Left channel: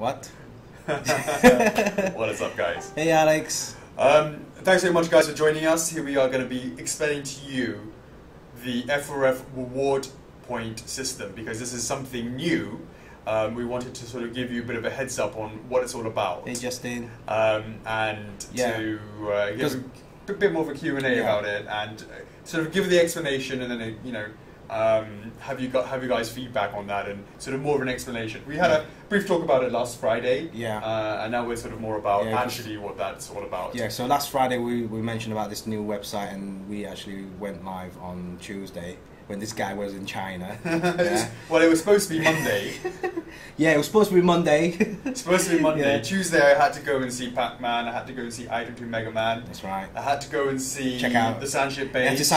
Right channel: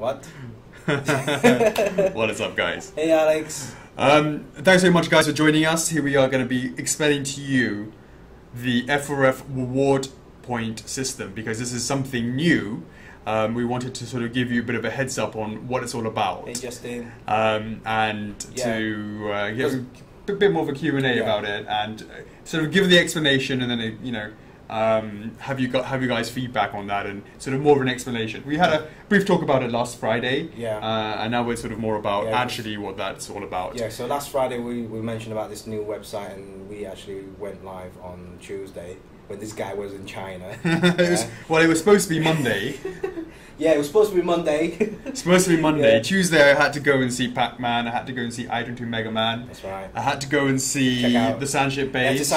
What? What is up, guys? Hey, Alex. Thanks very much, guys, for joining us. Here we are going to be explaining to you the F4F Reward point system, because this is something new. We wanted to sort of give you a bit of a heads up on what it's all about. Hey, Justin. And to give a bit more of a Q&A about it, and sort of give the explanation, and then you know, have you guys feedback on that, and sort of more of an explanation. We had a brief talk about it last Friday, and now we're sort of more about actually what that's all about. Yeah, so last Friday we mentioned about this new website, and we actually went live on Tuesday when this guy was in China. Well, it was supposed to be Monday. Yeah, it was supposed to be Monday. It's supposed to be Monday. Yeah. Tuesday I had to go and see Pac-Man, I had to go and see Item 2 Mega Man. That's right. I had to go and see the Sandship base.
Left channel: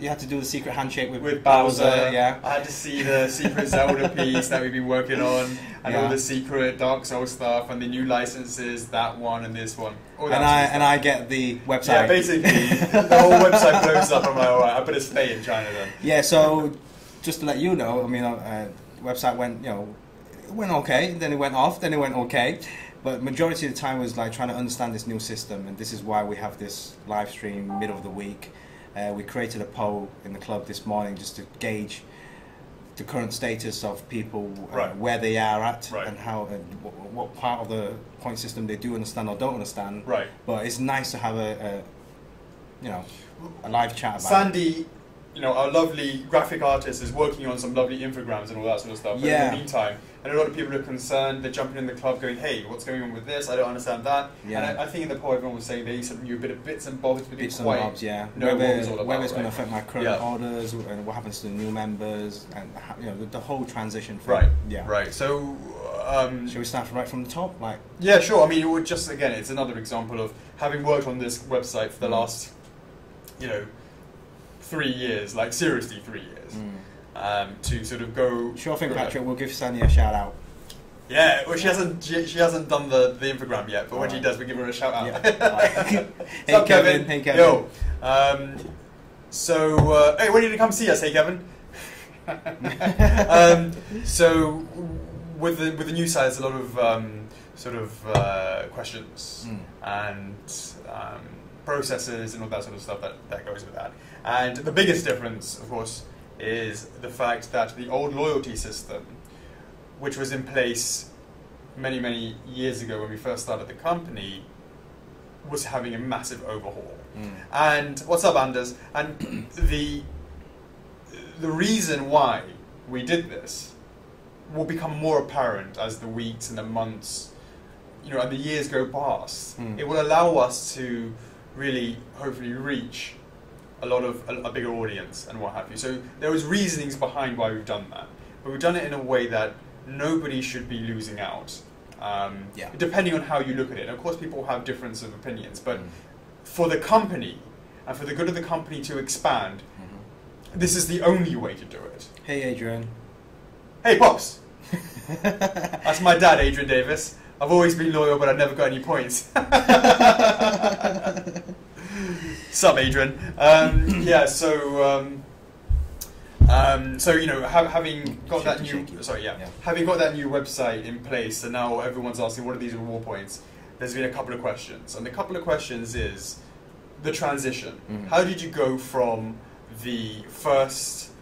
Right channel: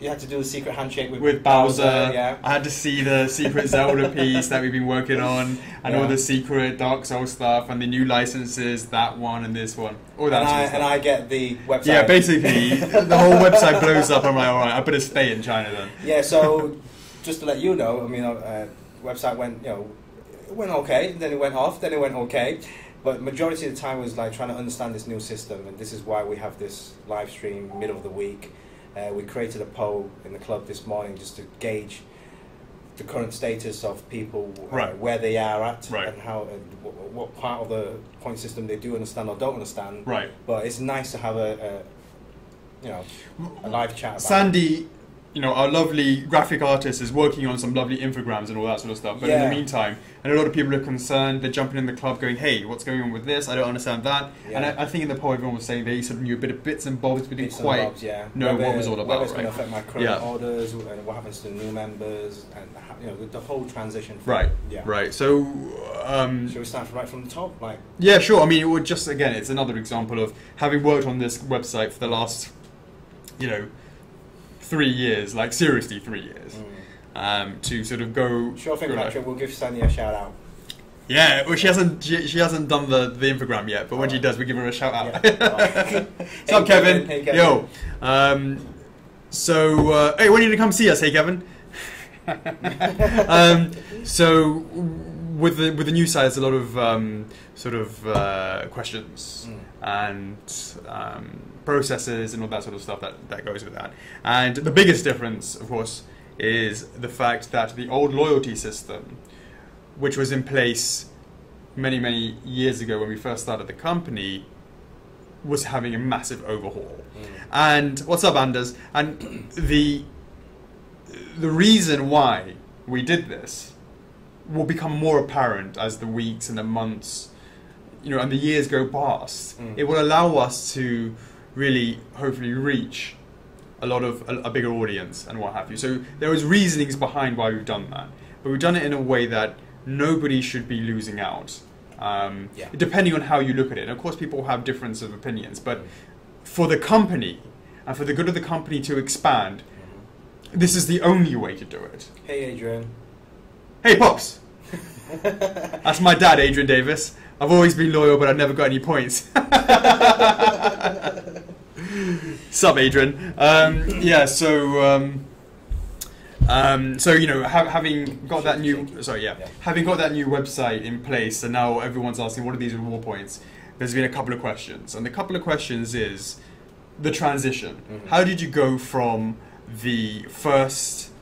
You had to do the secret handshake with Bowser. Yeah. I had to see the secret Zelda piece that we've been working on, and all the secret Dark Souls stuff, and the new licenses, that one and this one. And I get the website. Yeah, basically the whole website blows up. I'm like, all right, I better stay in China then. Yeah. So just to let you know, I mean, website went, it went okay, then it went off, then it went okay. But majority of the time was like trying to understand this new system, and this is why we have this live stream middle of the week. We created a poll in the club this morning just to gauge the current status of people, where they are at, and how, what part of the point system they do understand or don't understand. Right. But it's nice to have a live chat about Sandy, our lovely graphic artist, is working on some lovely infograms and all that sort of stuff. But in the meantime, and a lot of people are concerned, they're jumping in the club going, hey, what's going on with this? I don't understand that. Yeah. And I think in the poll everyone was saying they sort of knew a bit of bits and bobs, but didn't quite know what it was all about. Whether it's going to affect my current orders, and what happens to the new members, and the whole transition. Right. So, shall we start right from the top? Yeah, sure. I mean, it would just, again, it's another example of having worked on this website for the last, 3 years, like seriously 3 years, to sort of go. Sure thing, Patrick. We'll give Sandy a shout out. Yeah, well, she hasn't done the infogram yet, but when she does, we give her a shout out. Yeah. What's up, Kevin? Hey, Kevin. Yo. Hey, when are you gonna come see us? Hey, Kevin. So with the new site, there's a lot of questions and processes and all that sort of stuff that goes with that. And the biggest difference, of course, is the fact that the old loyalty system, which was in place many, many years ago when we first started the company, was having a massive overhaul. And what's up, Anders? And the reason why we did this will become more apparent as the weeks and the months, and the years go past. It will allow us to really, hopefully, reach a bigger audience and what have you. So there was reasonings behind why we've done that, but we've done it in a way that nobody should be losing out, depending on how you look at it. And of course, people have difference of opinions, but for the company and for the good of the company to expand, this is the only way to do it. Hey, Adrian. Hey, Pops. That's my dad, Adrian Davis. I've always been loyal, but I've never got any points. Sup, Adrian? Having got that new, having got that new website in place, and now everyone's asking, what are these reward points? There's been a couple of questions, and the couple of questions is the transition. How did you go from the first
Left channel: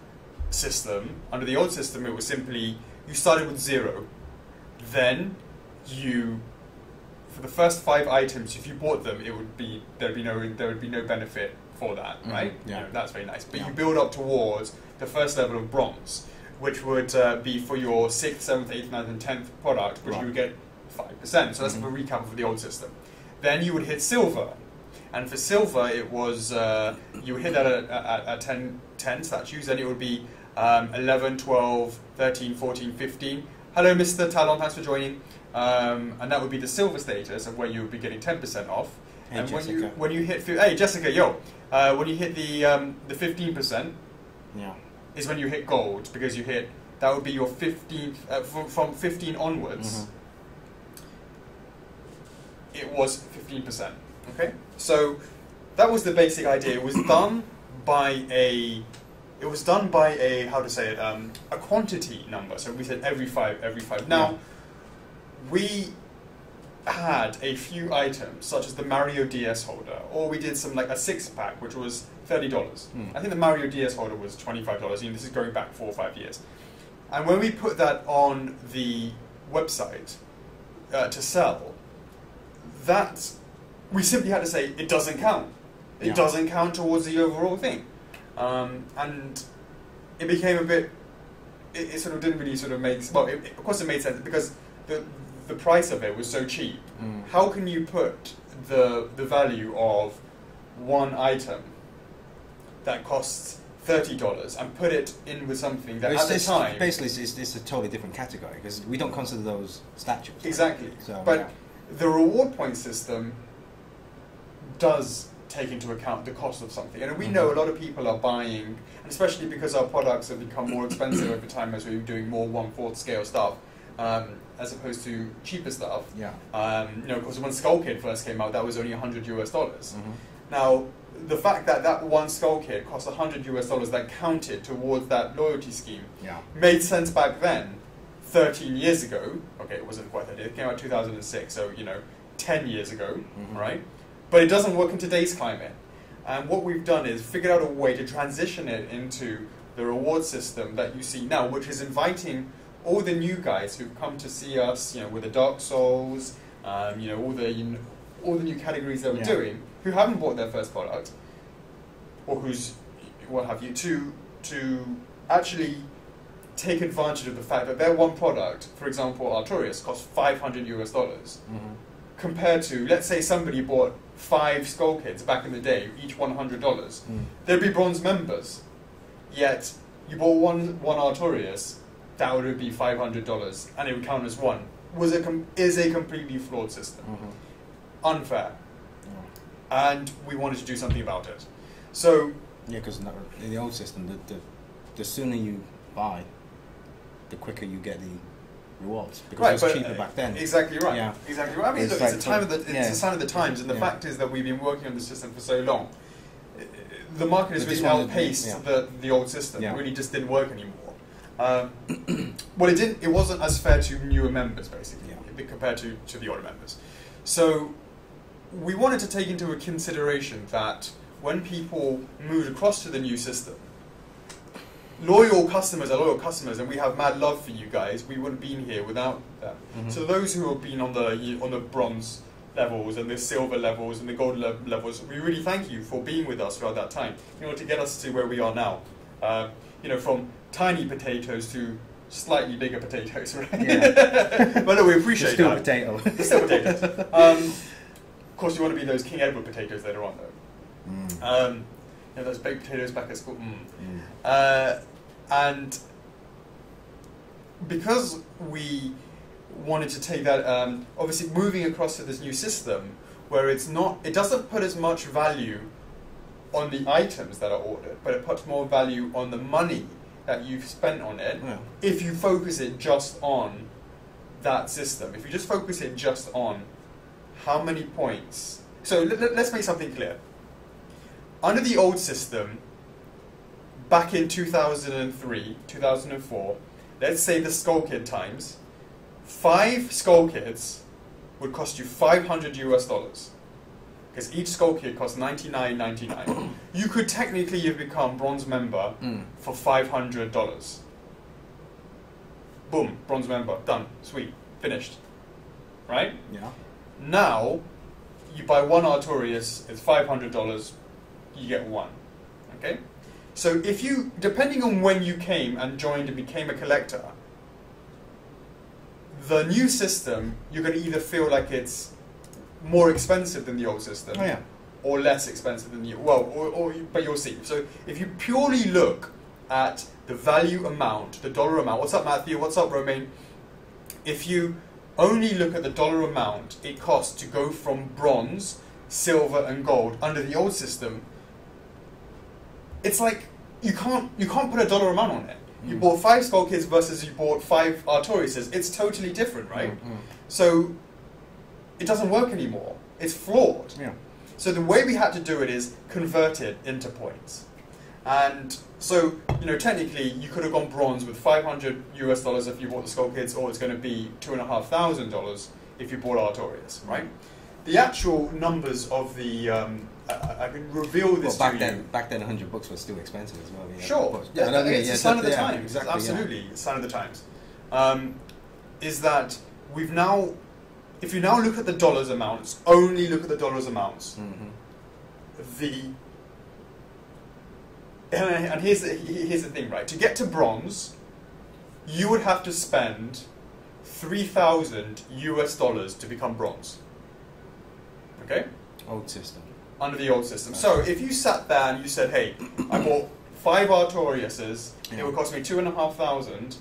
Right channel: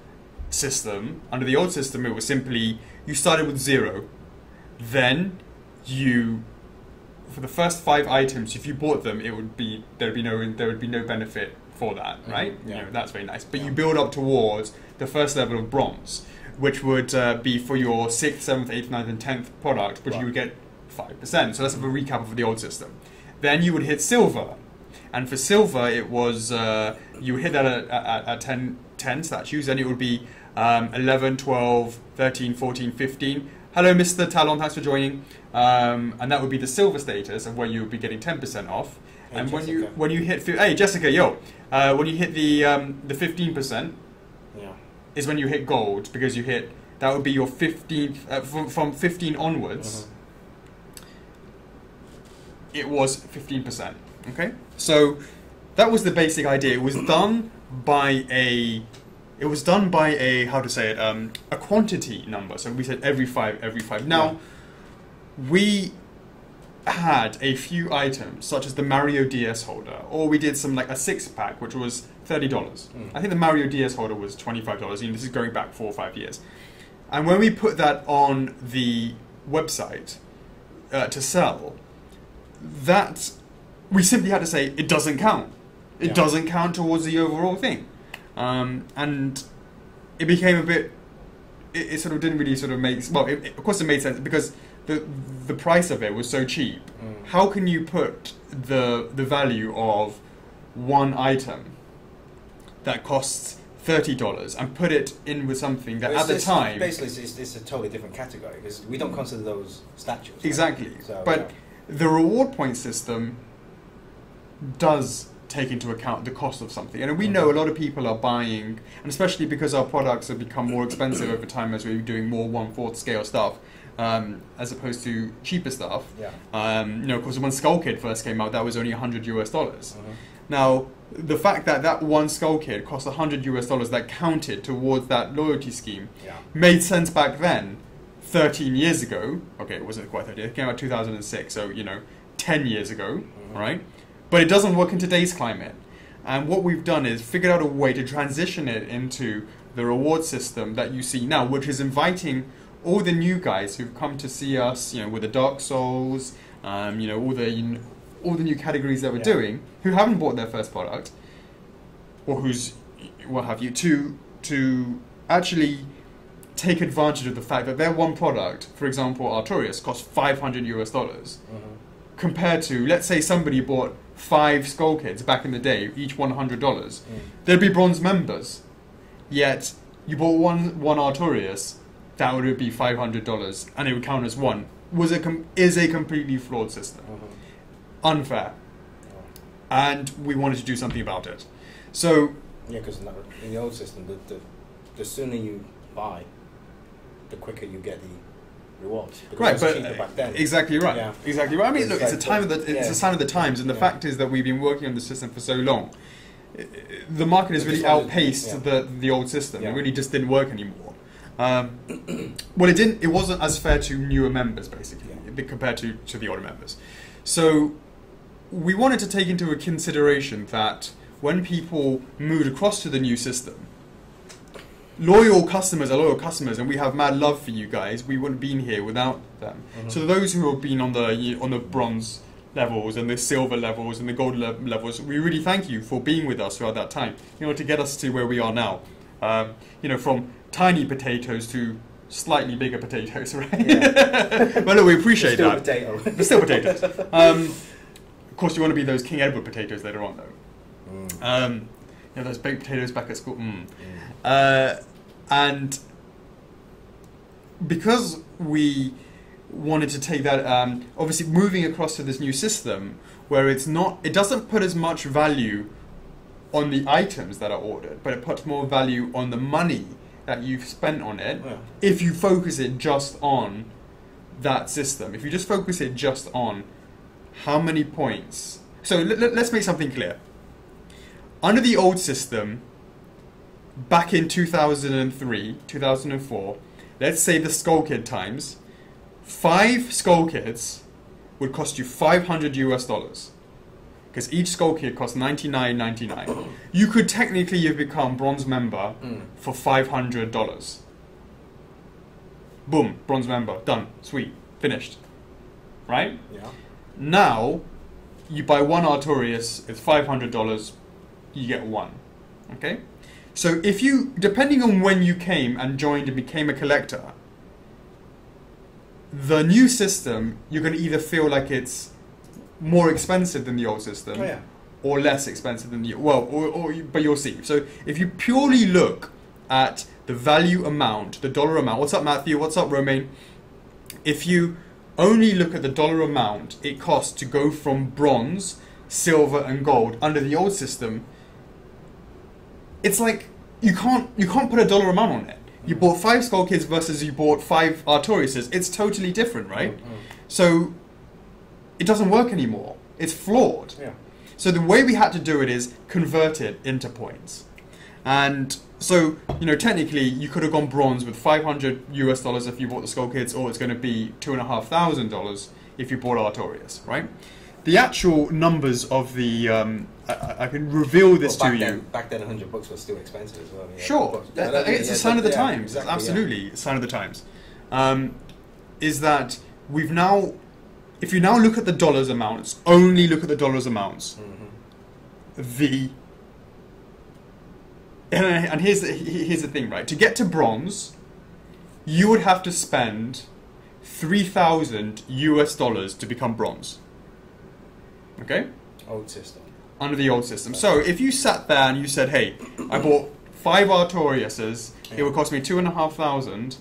system? Under the old system, it was simply you started with 0, then for the first 5 items, if you bought them, there would be no benefit for that, right? That's very nice. But you build up towards the first level of bronze, which would be for your 6th, 7th, 8th, 9th, and 10th product, which you would get 5%. So that's a recap of the old system. Then you would hit silver, and for silver, it was you would hit that at 10 statues, then it would be 11, 12, 13, 14, 15. Hello, Mr. Talon, thanks for joining. And that would be the silver status of where you would be getting 10% off. Hey, and Jessica. when you hit Jessica, when you hit the 15%, is when you hit gold, because that would be your 15th from 15 onwards. It was 15%. Okay, so that was the basic idea. It was done by a how to say it, a quantity number. So we said every five. Now, we had a few items, such as the Mario DS holder, or we did some like a 6-pack, which was $30. I think the Mario DS holder was $25. This is going back 4 or 5 years. And when we put that on the website to sell, that we simply had to say it doesn't count. It doesn't count towards the overall thing, and it became a bit. It sort of didn't really sort of make. Well, of course it made sense because the price of it was so cheap. How can you put the value of one item that costs $30 and put it in with something that at the time basically it's a totally different category because we don't consider those statues. Right? Exactly. So, but the reward point system does take into account the cost of something, and we know a lot of people are buying, and especially because our products have become more expensive over time as we're doing more 1/4 scale stuff. As opposed to cheaper stuff. Of course, when Skull Kid first came out, that was only $100 US. Now, the fact that that one Skull Kid cost $100 US that counted towards that loyalty scheme made sense back then, 13 years ago. Okay, it wasn't quite 13. It came out 2006, so 10 years ago, right? But it doesn't work in today's climate. And what we've done is figured out a way to transition it into the reward system that you see now, which is inviting all the new guys who've come to see us, with the Dark Souls, all the new categories that we're doing, who haven't bought their first product, or who's what have you, to actually take advantage of the fact that their one product, for example, Artorias, costs $500 US, compared to, let's say somebody bought 5 Skull Kids back in the day, each $100, they'd be bronze members. Yet you bought one Artorias, that would be $500, and it would count as one. Is a completely flawed system, unfair, and we wanted to do something about it. So because in the old system, the sooner you buy, the quicker you get the rewards. Because it was cheaper back then. Exactly right. Yeah. Exactly right. I mean, look, it's a sign of the times, and the fact is that we've been working on the system for so long. The market has really outpaced the old system. It really just didn't work anymore. Well, it wasn't as fair to newer members, basically, compared to the older members. So we wanted to take into consideration that when people moved across to the new system, loyal customers are loyal customers, and we have mad love for you guys. We wouldn't have been here without them. So those who have been on the bronze levels and the silver levels and the gold levels, we really thank you for being with us throughout that time, to get us to where we are now. From tiny potatoes to slightly bigger potatoes, right? Yeah. But look, we appreciate still that. Potato. They're still potatoes. Of course, you want to be those King Edward potatoes later on, though. Those baked potatoes back at school. And because we wanted to take that, obviously moving across to this new system, where it doesn't put as much value on the items that are ordered, but it puts more value on the money that you've spent on it. If you focus it just on that system, if you just focus it just on how many points. So let's make something clear. Under the old system, back in 2003, 2004, let's say the Skull Kid times, 5 Skull Kids would cost you $500 US. Because each Skull Kid costs $99.99. You could technically have become bronze member for $500. Boom, bronze member, done, sweet, finished. Right? Yeah. Now, you buy one Artorias, it's $500, you get one. Okay? So if you, depending on when you came and joined and became a collector, the new system, you're going to either feel like it's more expensive than the old system, or less expensive than the but you'll see. So if you purely look at the value amount, the dollar amount. What's up, Matthew? What's up, Romain? If you only look at the dollar amount it costs to go from bronze, silver, and gold under the old system, it's like you can't put a dollar amount on it. You bought 5 Skull Kids versus you bought 5 Artoriuses. It's totally different, right? So it doesn't work anymore. It's flawed. So the way we had to do it is convert it into points. And so, you know, technically you could have gone bronze with $500 if you bought the Skull Kids, or it's going to be $2,500 if you bought Artorias, right? The actual numbers of the I can reveal this to you. Back then, $100 was still expensive as well. I mean, sure, it's a sign of the times. Exactly, absolutely, a sign of the times. Is that we've now, if you now look at the dollars amounts, only look at the dollars amounts. And here's the thing, right? To get to bronze, you would have to spend $3,000 to become bronze. Okay? Old system. Under the old system. So if you sat there and you said, hey, I bought 5 Artoriases, it would cost me $2,500, and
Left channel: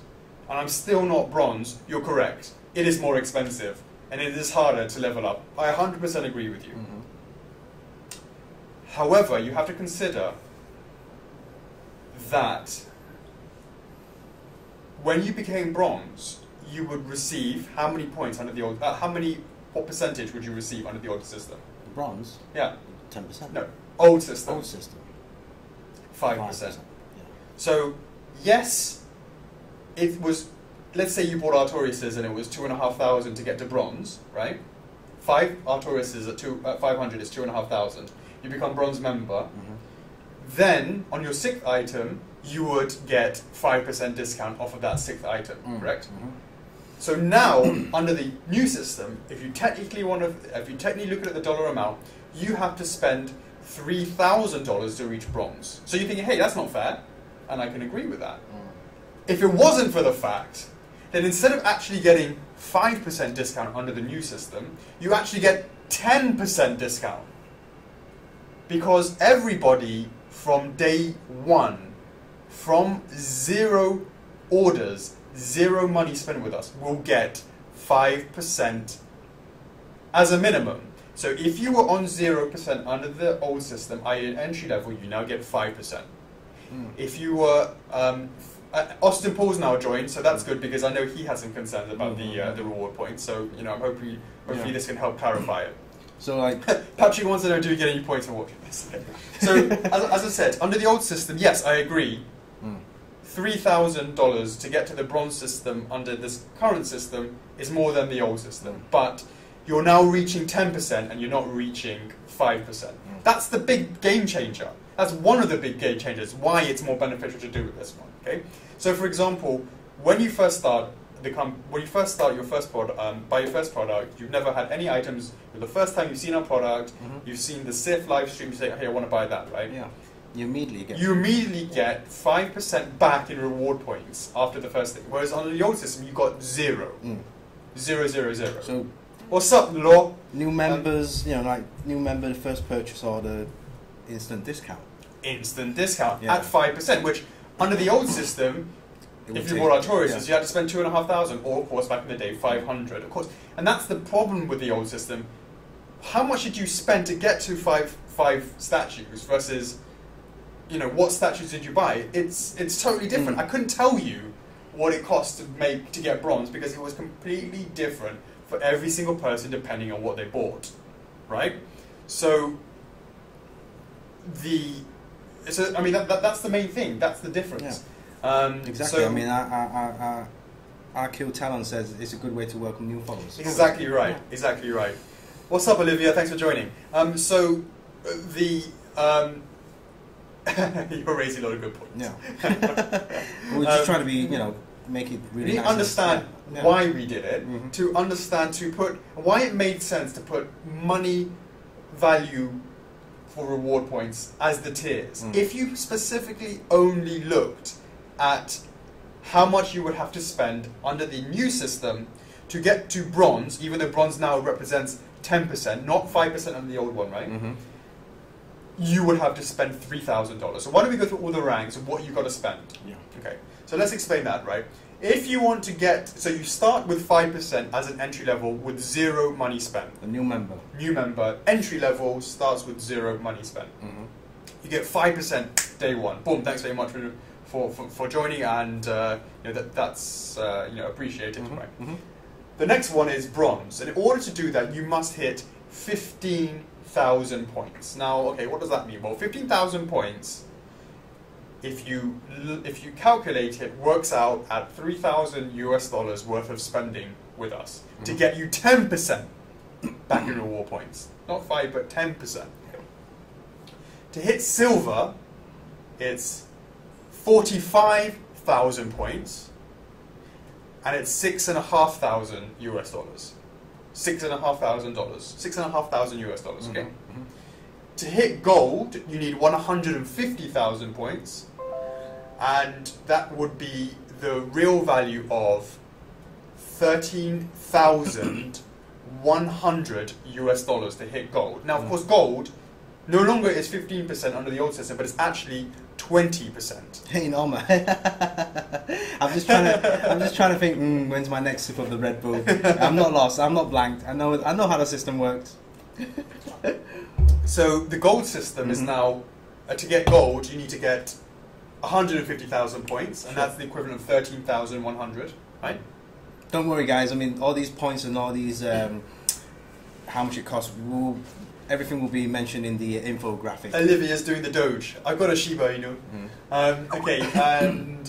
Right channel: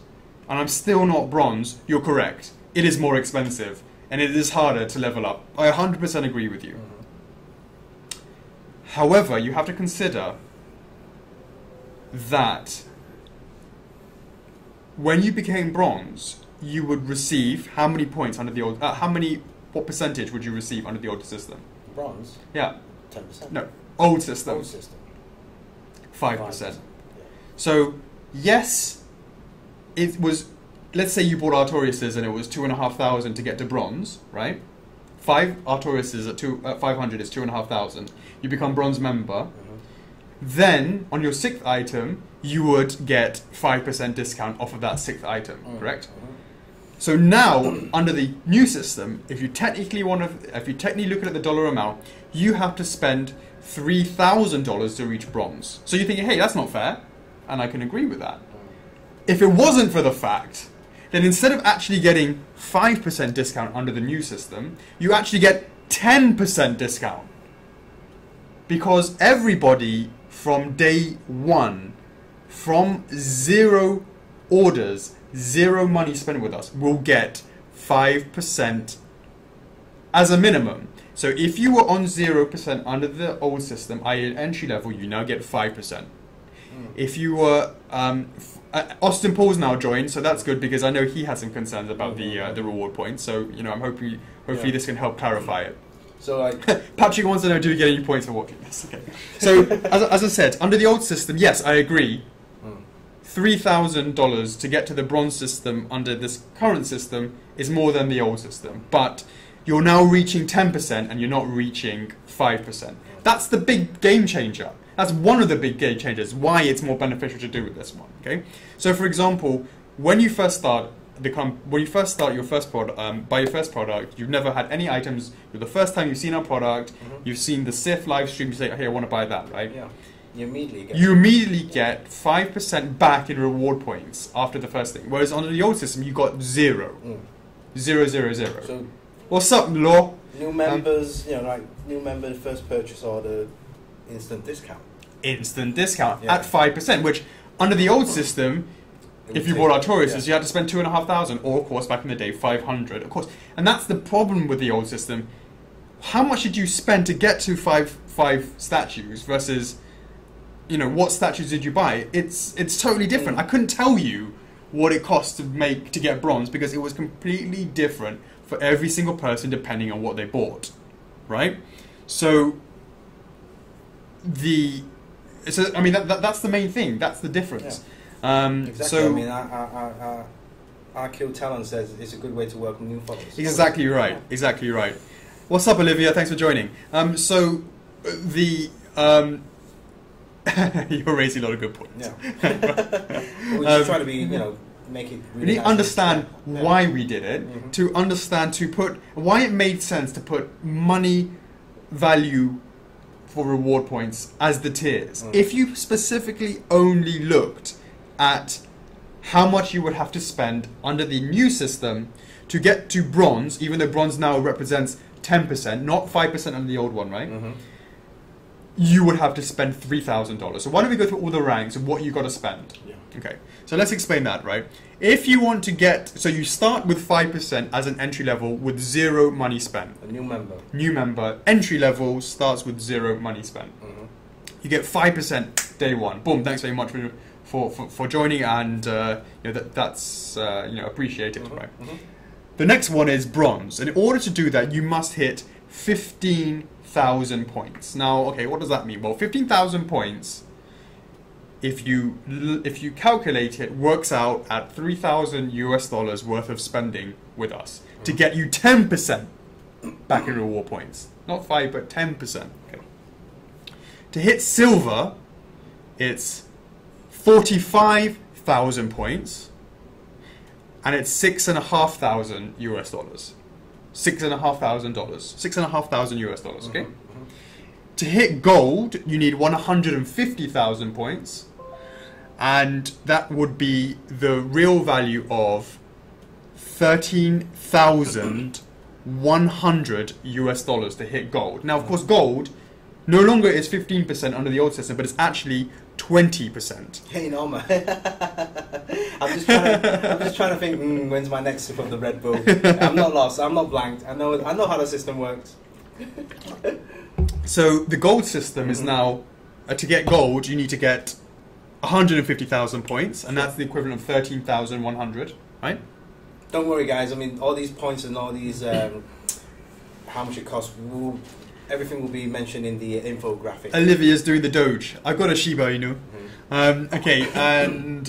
I'm still not bronze, you're correct. It is more expensive, and it is harder to level up. I 100% agree with you. However, you have to consider that when you became bronze, you would receive how many points under the old? What percentage would you receive under the old system? Bronze. Yeah. 10%. No, old system. Old system. 5%. Yeah. So yes, it was. Let's say you bought Artoriases and it was $2,500 to get to bronze, right? 5 Artoriases at 500 is $2,500. You become bronze member. Then on your 6th item, you would get 5% discount off of that 6th item, correct? So now, under the new system, if you technically look at the dollar amount, you have to spend $3,000 to reach bronze. So you're thinking, hey, that's not fair, and I can agree with that. If it wasn't for the fact, then instead of actually getting 5% discount under the new system, you actually get 10% discount. Because everybody from day one, from 0 orders, 0 money spent with us, will get 5% as a minimum. So if you were on 0% under the old system, i.e. entry level, you now get 5%. If you were... Austin Paul's now joined, so that's good because I know he had some concerns about the reward points. So, you know, I'm hopefully this can help clarify it. So, like... Patrick wants to know, do we get any points for watching this? Okay. So, as I said, under the old system, yes, I agree. $3,000 to get to the bronze system under this current system is more than the old system. But you're now reaching 10% and you're not reaching 5%. That's the big game changer. That's one of the big game changers, why it's more beneficial to do with this one. Okay. So, for example, when you first start your first product, you've never had any items. The first time you've seen our product, you've seen the Sith live stream. You say, "Hey, I want to buy that," right? Yeah. You immediately get 5% back in reward points after the first thing. Whereas on the old system, you got 0. 0, 0, 0. So, what's up, Law? New members, new member first purchase order, instant discount. Instant discount at 5%, which under the old system, if you bought Artorias, you had to spend $2,500, or of course back in the day $500, of course. And that's the problem with the old system. How much did you spend to get to five statues versus, what statues did you buy? It's totally different. I couldn't tell you what it cost to get bronze because it was completely different for every single person depending on what they bought, right? So that's the main thing. That's the difference. Yeah. Exactly. So, our Kill Talon says it's a good way to welcome new followers. Exactly right. Yeah. Exactly right. What's up, Olivia? Thanks for joining. You're raising a lot of good points. Yeah. We're just trying to be, make it really. We need to understand why we did it. To understand why it made sense to put money value for reward points as the tiers. If you specifically only looked at how much you would have to spend under the new system to get to bronze, even though bronze now represents 10%, not 5% under the old one, right? You would have to spend $3,000. So why don't we go through all the ranks of what you got to spend? Yeah. Okay. So let's explain that, right? If you want to so you start with 5% as an entry level with 0 money spent. A new member. New member. Entry level starts with 0 money spent. You get 5% day one. Boom. Thanks very much for joining, and that's appreciated, right? The next one is bronze. And in order to do that, you must hit 15,000 points. Now, okay, what does that mean? Well, 15,000 points if you calculate it, works out at $3,000 worth of spending with us to get you 10% back in reward points. Not 5, but 10%. Okay. To hit silver, it's 45,000 points, and it's $6,500. $6,500. Okay. To hit gold, you need 150,000 points, and that would be the real value of $13,100 to hit gold. Now, of course, gold no longer is 15% under the old system, but it's actually 20%. Hey, no, man. I'm just trying to think. When's my next sip of the Red Bull? I'm not lost. I'm not blanked. I know how the system works. So the gold system is now, to get gold, you need to get 150,000 points, and that's the equivalent of 13,100, right? Don't worry, guys. I mean, all these points and all these, how much it costs, everything will be mentioned in the infographic. Olivia's doing the Doge. I've got a Shiba Inu. Okay, and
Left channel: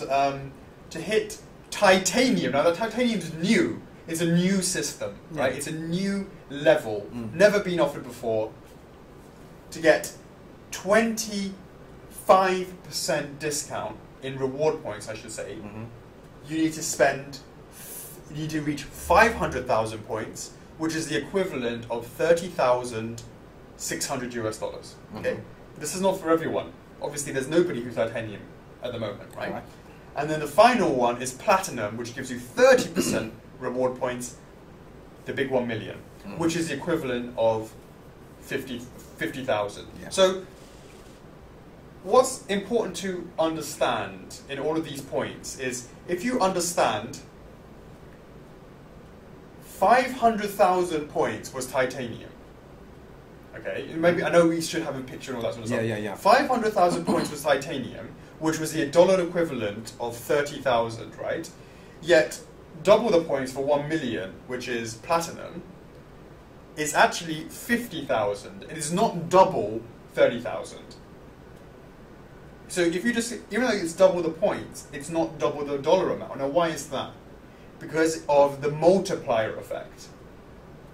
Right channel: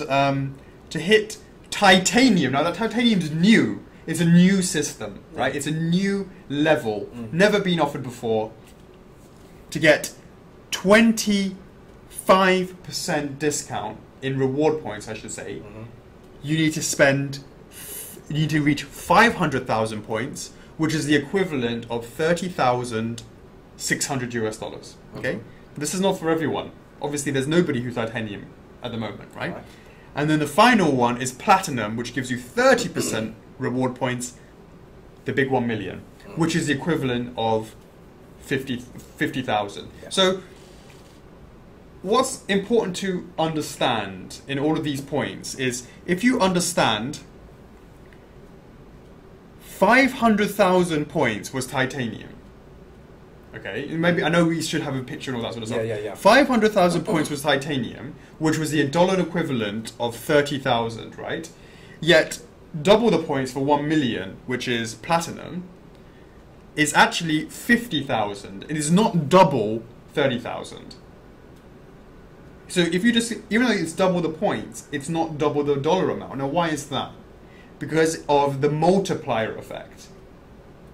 to hit titanium, now that titanium's new. It's a new system, right? It's a new level, never been offered before. To get 25% discount in reward points, I should say, you need to reach 500,000 points, which is the equivalent of $30,600. Okay, this is not for everyone. Obviously, there's nobody who's titanium at the moment, right? And then the final one is platinum, which gives you 30% reward points, the big 1 million, which is the equivalent of 50,000. So what's important to understand in all of these points is, if you understand 500,000 points was titanium. Okay, maybe I know we should have a picture and all that sort of stuff. 500,000 points was titanium, which was the dollar equivalent of 30,000, right? Yet double the points for 1 million, which is platinum, is actually 50,000. It is not double 30,000. So if you just, even though it's double the points, it's not double the dollar amount. Now, why is that? Because of the multiplier effect.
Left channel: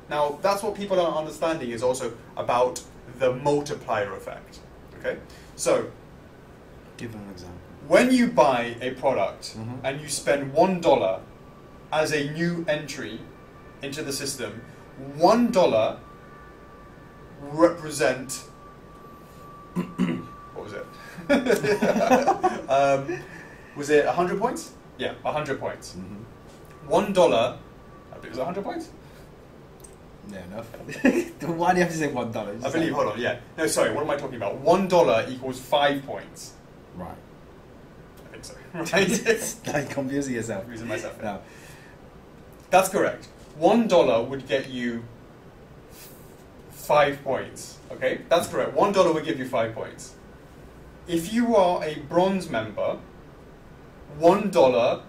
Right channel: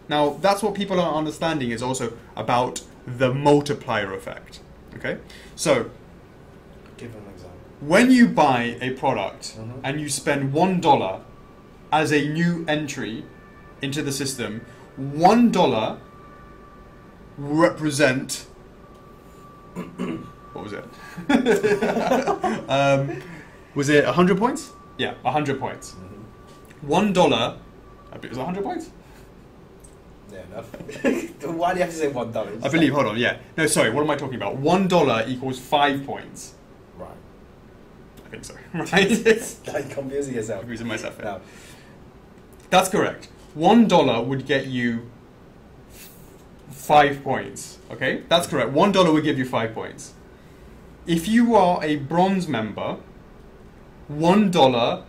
Now, that's what people are understanding is also about the multiplier effect. Okay? So, give an example. When you buy a product and you spend $1 as a new entry into the system, $1 represent what was it? Was it 100 points? Yeah, 100 points. $1, I believe it was 100 points? Yeah, enough. Why do you have to say $1? I believe, hold on, yeah. No, sorry, what am I talking about? $1 equals 5 points. Right. I think so. Right? Like confusing yourself. Confusing myself. No. That's correct. $1 would get you 5 points. Okay? That's correct. $1 would give you 5 points. If you are a bronze member, $1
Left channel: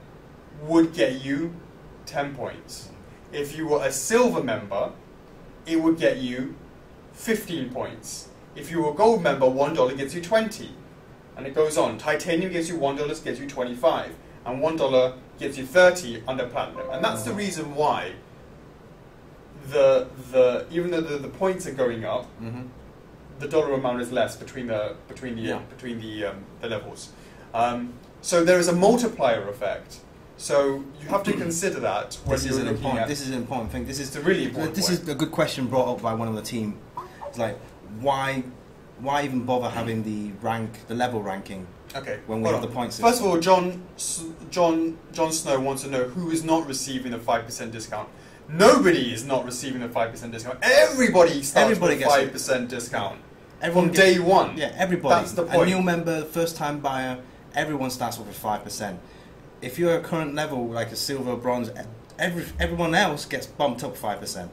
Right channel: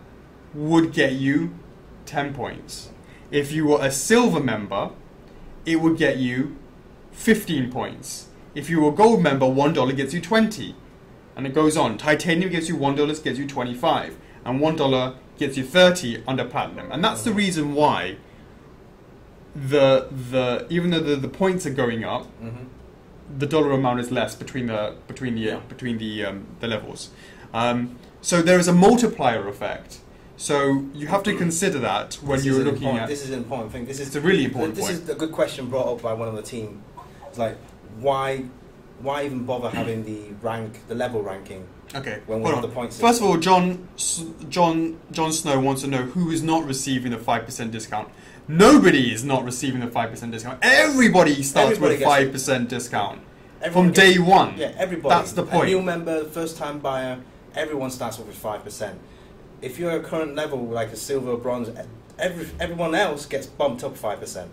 would get you 10 points. If you were a silver member, it would get you 15 points. If you were a gold member, $1 gets you 20. And it goes on. Titanium gets you $1, gets you 25. And $1 gets you 30 under platinum. And that's the reason why even though the points are going up, the dollar amount is less between the levels. So there is a multiplier effect. So you have to consider that when you're looking at. This is an important thing. This is a really important point. This is a good question brought up by one of the team. It's like, why even bother having the level ranking? Okay. When we have the points system? First of all, John Snow wants to know who is not receiving the 5% discount. Nobody is not receiving the 5% discount. Everybody starts with a 5% discount from day one. Yeah, everybody. That's the point. A new member, first-time buyer, everyone starts off with 5%. If you're at a current level, like a silver or bronze, everyone else gets bumped up 5%.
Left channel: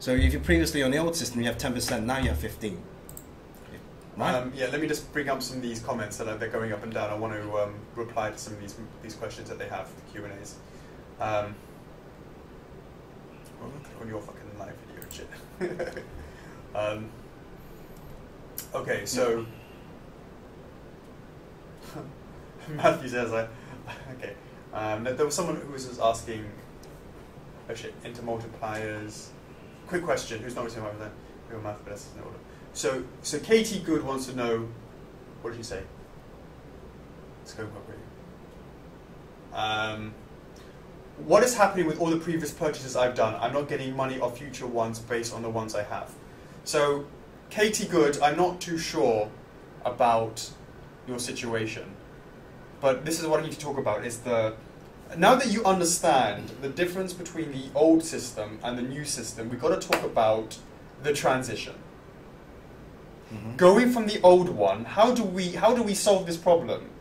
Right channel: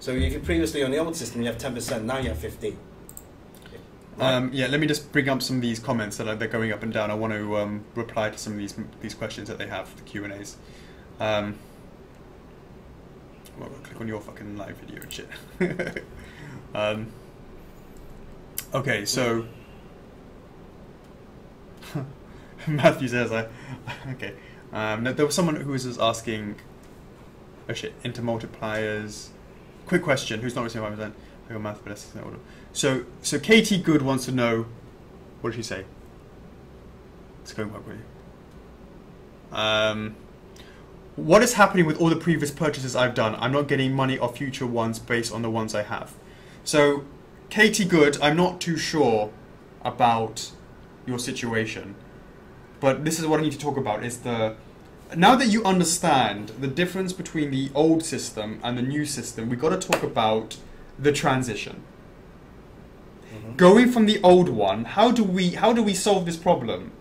So if you're previously on the old system, you have 10%, now you have 15%. Right? Yeah, let me just bring up some of these comments that they're going up and down. I want to reply to some of these questions that they have, the Q&As. Well, click on your fucking live video and shit. Okay, so Matthew says, okay. There was someone who was just asking, oh shit, into multipliers. Quick question, who's not receiving 5%? I got math, but that's in order. So Katie Good wants to know, what did she say? It's going quite quickly. What is happening with all the previous purchases I've done? I'm not getting money off future ones based on the ones I have. So, Katie Good, I'm not too sure about your situation, but this is what I need to talk about, is now that you understand the difference between the old system and the new system, we've got to talk about the transition. Mm-hmm. Going from the old one, how do we solve this problem?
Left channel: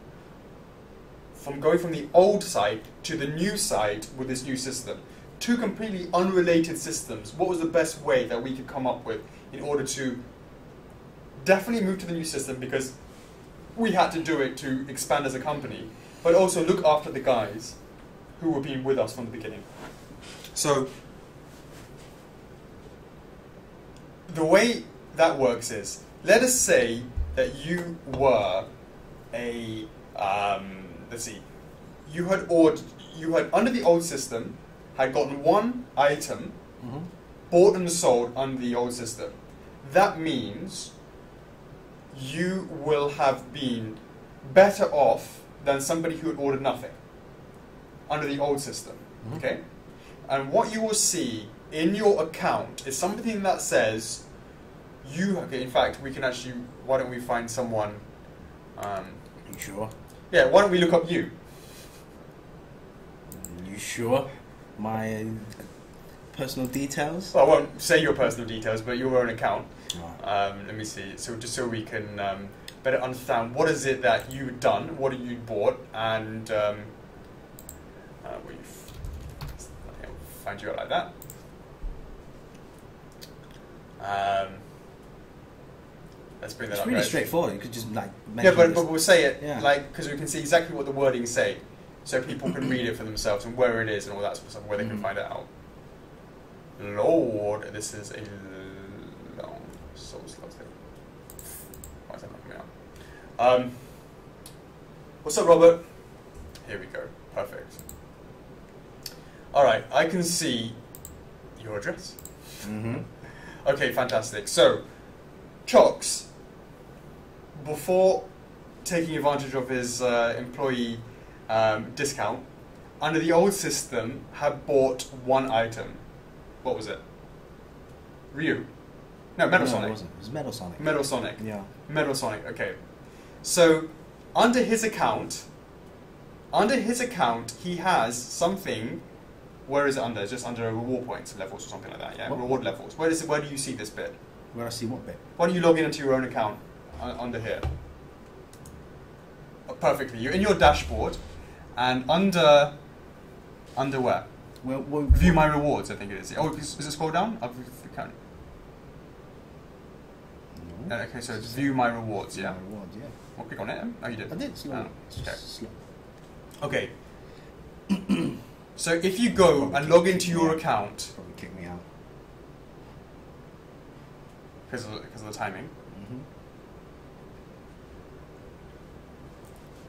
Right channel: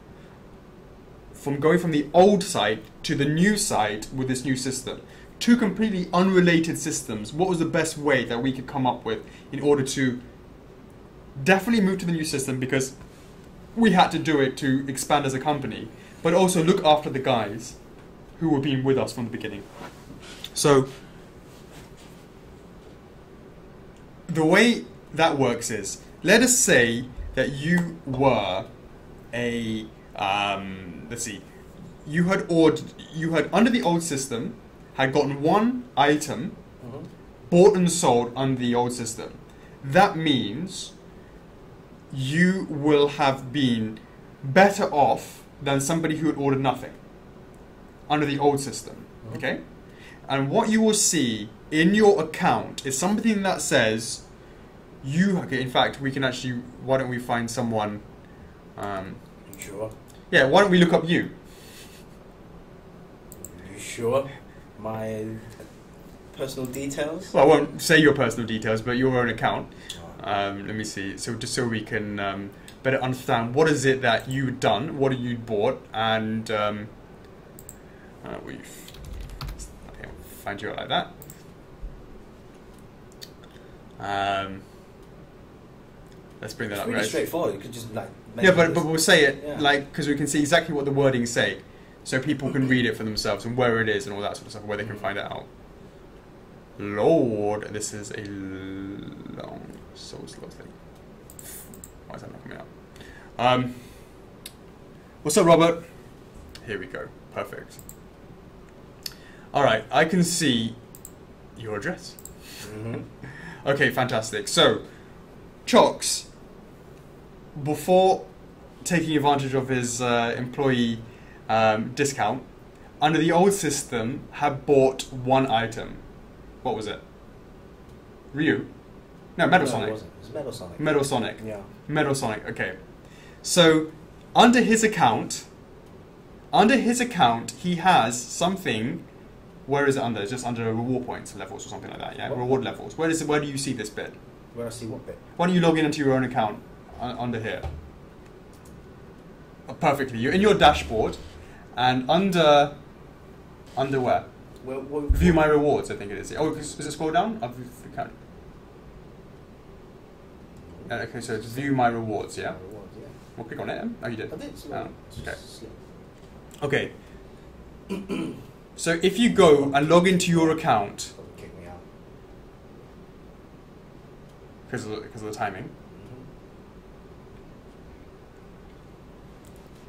From going from the old site to the new site with this new system. Two completely unrelated systems. What was the best way that we could come up with in order to definitely move to the new system, because we had to do it to expand as a company, but also look after the guys who were being with us from the beginning. So the way that works is, let us say that you were a let's see, you had under the old system had gotten one item bought and sold under the old system. That means you will have been better off than somebody who had ordered nothing under the old system. Okay? And what you will see in your account is something that says okay, in fact, we can actually, why don't we find someone, You sure? Yeah, why don't we look up you? You sure? My personal details? Well, I won't say your personal details, but your own account. Oh. Let me see. So just so we can better understand what is it that you've done, what have you bought, and we'll find you out like that. Let's bring that it's up. really right? straightforward. You could just but we'll say it yeah. because we can see exactly what the wordings say, so people can read it for themselves and where it is and all that sort of stuff, where they can find it out. Lord, this is a long, so slow thing. Why is that not coming out? What's up, Robert? Here we go. Perfect. All right, I can see your address. Okay, fantastic. So, Chocks, before taking advantage of his employee discount, under the old system, had bought one item. What was it? Ryu? No, Metal Sonic. No, it wasn't. It was Metal Sonic. Metal Sonic. Yeah. Metal Sonic, okay. So, under his account, he has something. Where is it under? It's just under reward points levels or something like that, yeah? What? Reward levels. Where do you see this bit? Where I see what bit? Why don't you log into your own account under here? Oh, perfectly. You're in your dashboard, and under where? View my rewards, I think it is. Oh, is it scroll down? I've counted. No. Okay, so it's view my rewards, yeah? My rewards, yeah. Well, click on it. Oh, you did. I did. Slow. Okay. Okay. So if you go and log into your account, Probably kick me out. because of the timing.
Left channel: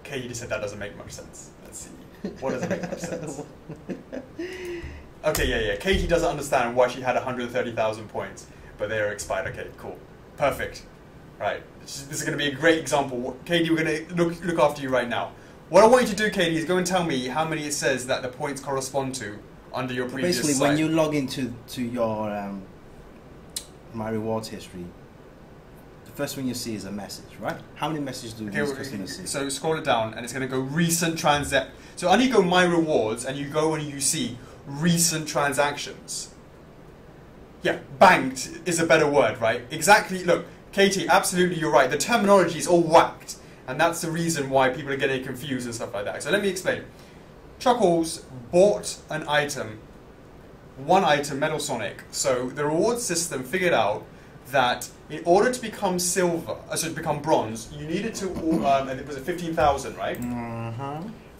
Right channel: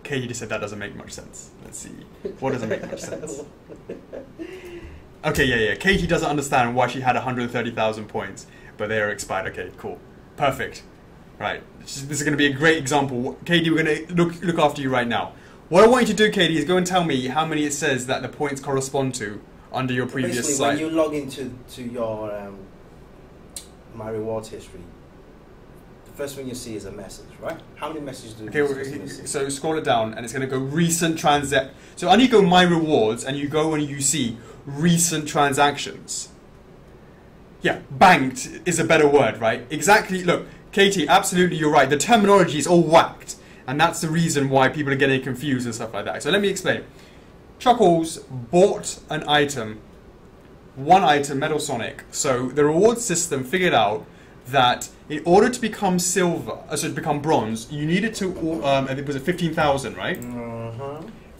Okay, you just said that doesn't make much sense. Let's see. What doesn't make much sense? Okay, yeah. Katie doesn't understand why she had 130,000 points, but they are expired. Okay, cool. Perfect. Right. This is going to be a great example. Katie, we're going to look after you right now. What I want you to do, Katie, is go and tell me how many it says that the points correspond to under your previous Basically, site. when you log into your My Rewards history, the first thing you see is a message, right? How many messages do these customers see? So scroll it down, and it's going to go recent transact. So under you go My Rewards, and you go and you see recent transactions. Yeah, banked is a better word, right? Exactly. Look, Katie, absolutely, you're right. The terminology is all whacked. And that's the reason why people are getting confused and stuff like that. So let me explain. Chuckles bought an item, one item, Metal Sonic. So the reward system figured out that in order to become silver, so to become bronze, you needed to, and it was 15,000, right?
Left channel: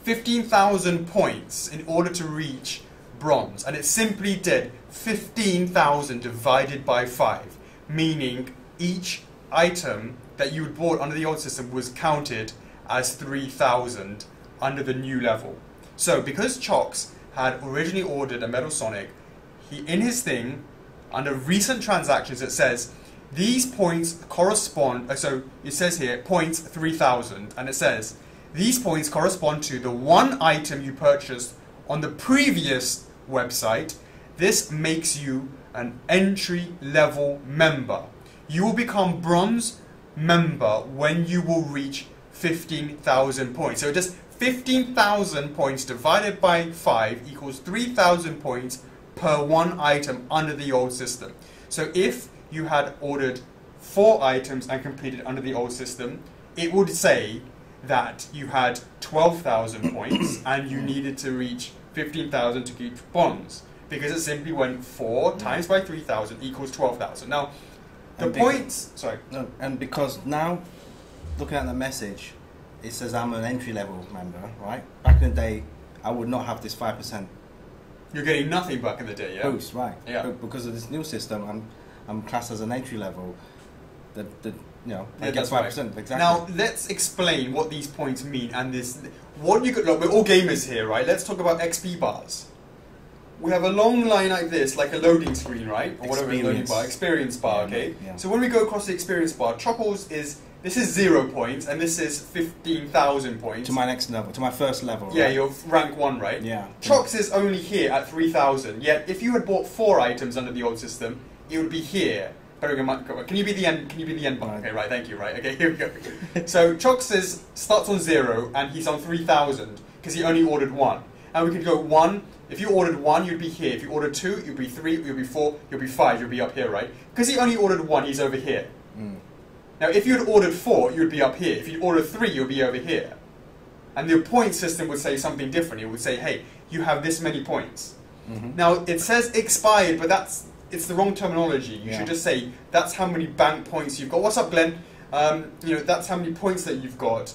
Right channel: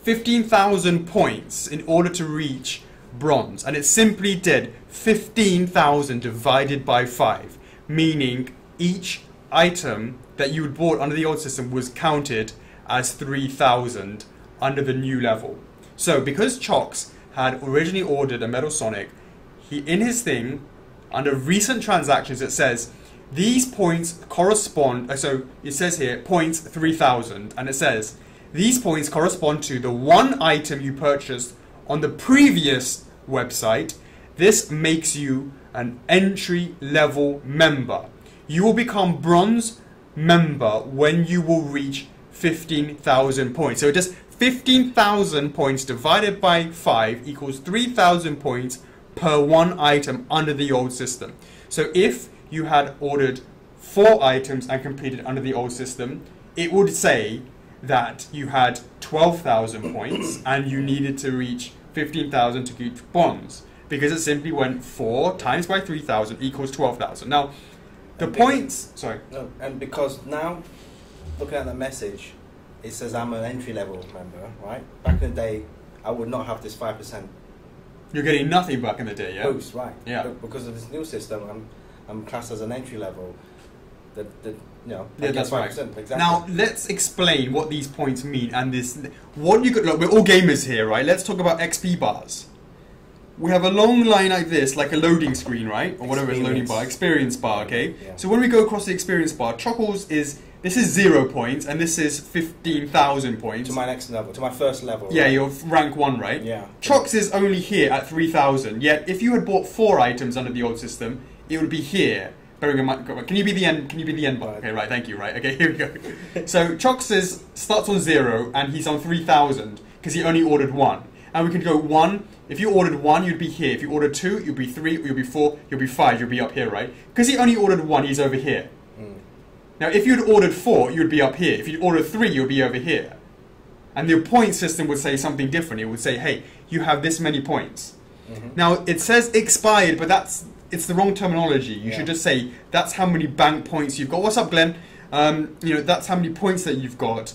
15,000 points in order to reach bronze. And it simply did 15,000 divided by 5, meaning each item that you had bought under the old system was counted as 3,000 under the new level. So because Chox had originally ordered a Metal Sonic, in his thing, under recent transactions, it says these points correspond, so it says here, points 3,000, and it says these points correspond to the one item you purchased on the previous website. This makes you an entry-level member. You will become bronze member when you will reach 15,000 points. So just 15,000 points divided by 5 equals 3,000 points per one item under the old system. So if you had ordered 4 items and completed under the old system, it would say that you had 12,000 points and you needed to reach 15,000 to keep bronze, because it simply went 4 times by 3,000 equals 12,000. Now, the points... Sorry. No, and because now, looking at the message, it says I'm an entry-level member, right? Back in the day, I would not have this 5%. You're getting nothing back in the day, yeah? Boost, right. Yeah. But because of this new system, I'm classed as an entry-level. I Yeah, get that's 5%, right. exactly. Now, let's explain what these points mean and this... What you could... Look, we're all gamers here, right? Let's talk about XP bars. We have a long line like this, like a loading screen, right? Or whatever is loading bar. Experience bar, okay? Yeah. So when we go across the experience bar, Chuckles is... This is 0 points, and this is 15,000 points. To my next level, to my first level. Yeah, right? you're rank 1, right? Yeah. Chox is only here at 3,000, yet if you had bought 4 items under the old system, it would be here. Can you be the end? Can you be the end bar? Okay, right. Thank you. Right. Okay, here we go. So Chox starts on 0 and he's on 3,000 because he only ordered 1. And we can go 1. If you ordered 1, you'd be here. If you ordered 2, you'd be 3. You'll be 4. You'll be 5. You'll be up here, right? Because he only ordered 1, he's over here. Mm. Now, if you'd ordered 4, you'd be up here. If you'd ordered 3, you'd be over here. And the point system would say something different. It would say, hey, you have this many points. Mm-hmm. Now, it says expired, but it's the wrong terminology. You should just say, that's how many bank points you've got. What's up, Glenn? That's how many points that you've got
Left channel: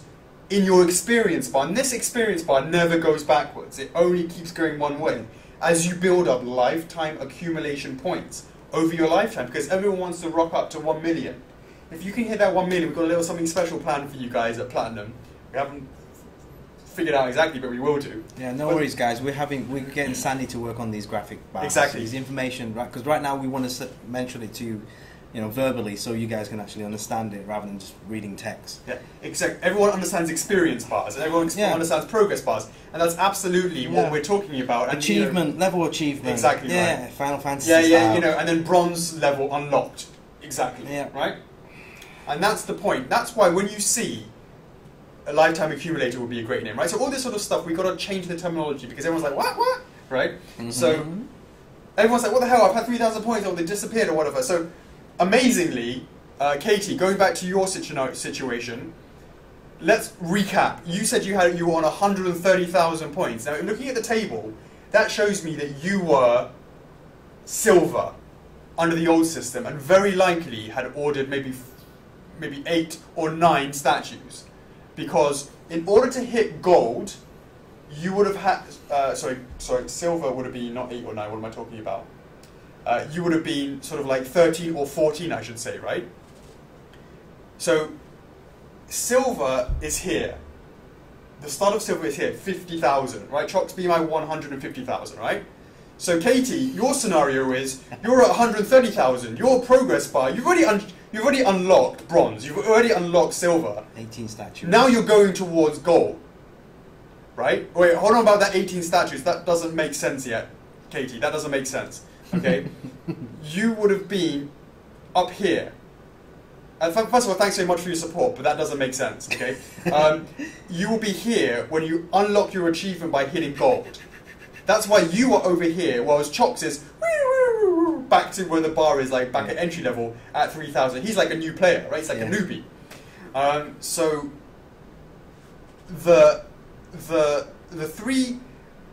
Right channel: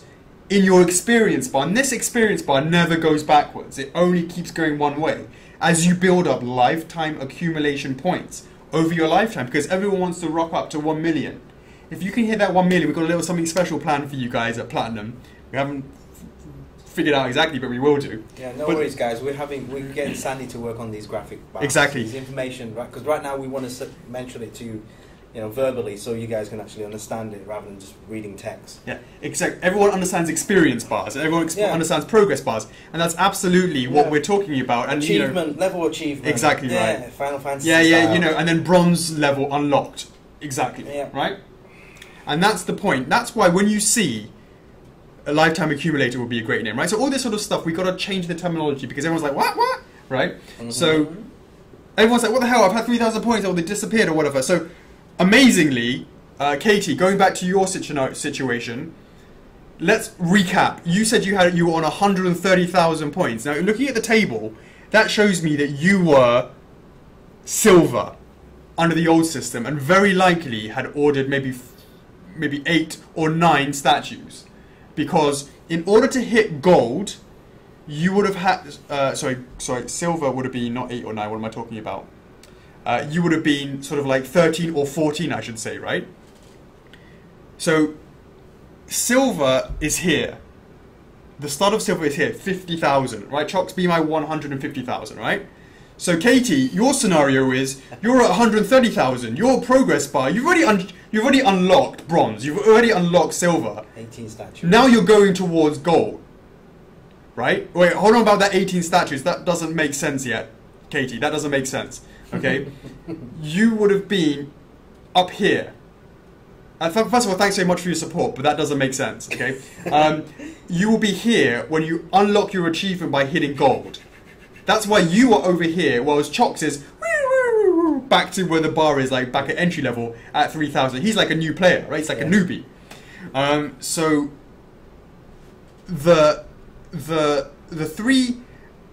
in your experience bar. And this experience bar never goes backwards. It only keeps going one way. As you build up lifetime accumulation points over your lifetime, because everyone wants to rock up to 1 million. If you can hit that 1 million, we've got a little something special planned for you guys at Platinum. We haven't figured out exactly, but we will do. Yeah, no worries, guys. We're getting Sandy to work on these graphic bars. Exactly. These information, right? Because right now we want to mention it to you, verbally, so you guys can actually understand it rather than just reading text. Yeah, exactly. Everyone understands experience bars, and everyone understands progress bars, and that's absolutely what we're talking about. And Achievement, level achievement. Exactly right. Yeah, Final Fantasy. Yeah, and then bronze level unlocked. Exactly. Yeah. Right. And that's the point. That's why when you see a lifetime accumulator would be a great name, right? So all this sort of stuff, we've got to change the terminology because everyone's like, what? Right? Mm-hmm. So everyone's like, what the hell? I've had 3,000 points or they disappeared or whatever. So amazingly, Katie, going back to your situation, let's recap. You said you were on 130,000 points. Now, looking at the table, that shows me that you were silver under the old system and very likely had ordered maybe 8 or 9 statues, because in order to hit gold, you would have had silver would have been not 8 or 9. What am I talking about? You would have been sort of like 13 or 14, I should say, right? So silver is here. The start of silver is here, 50,000, right? Chox, be my 150,000, right? So Katie, your scenario is you're at 130,000. Your progress bar, you've already unlocked bronze. You've already unlocked silver. 18 statues. Now you're going towards gold, right? Wait, hold on about that 18 statues. That doesn't make sense yet, Katie. That doesn't make sense. Okay, you would have been up here. First of all, thanks very much for your support, but that doesn't make sense. Okay, you will be here when you unlock your achievement by hitting gold. That's why you are over here, whereas Chox is back to where the bar is, like back at entry level at 3,000. He's like a new player, right? He's like a newbie. So the 3,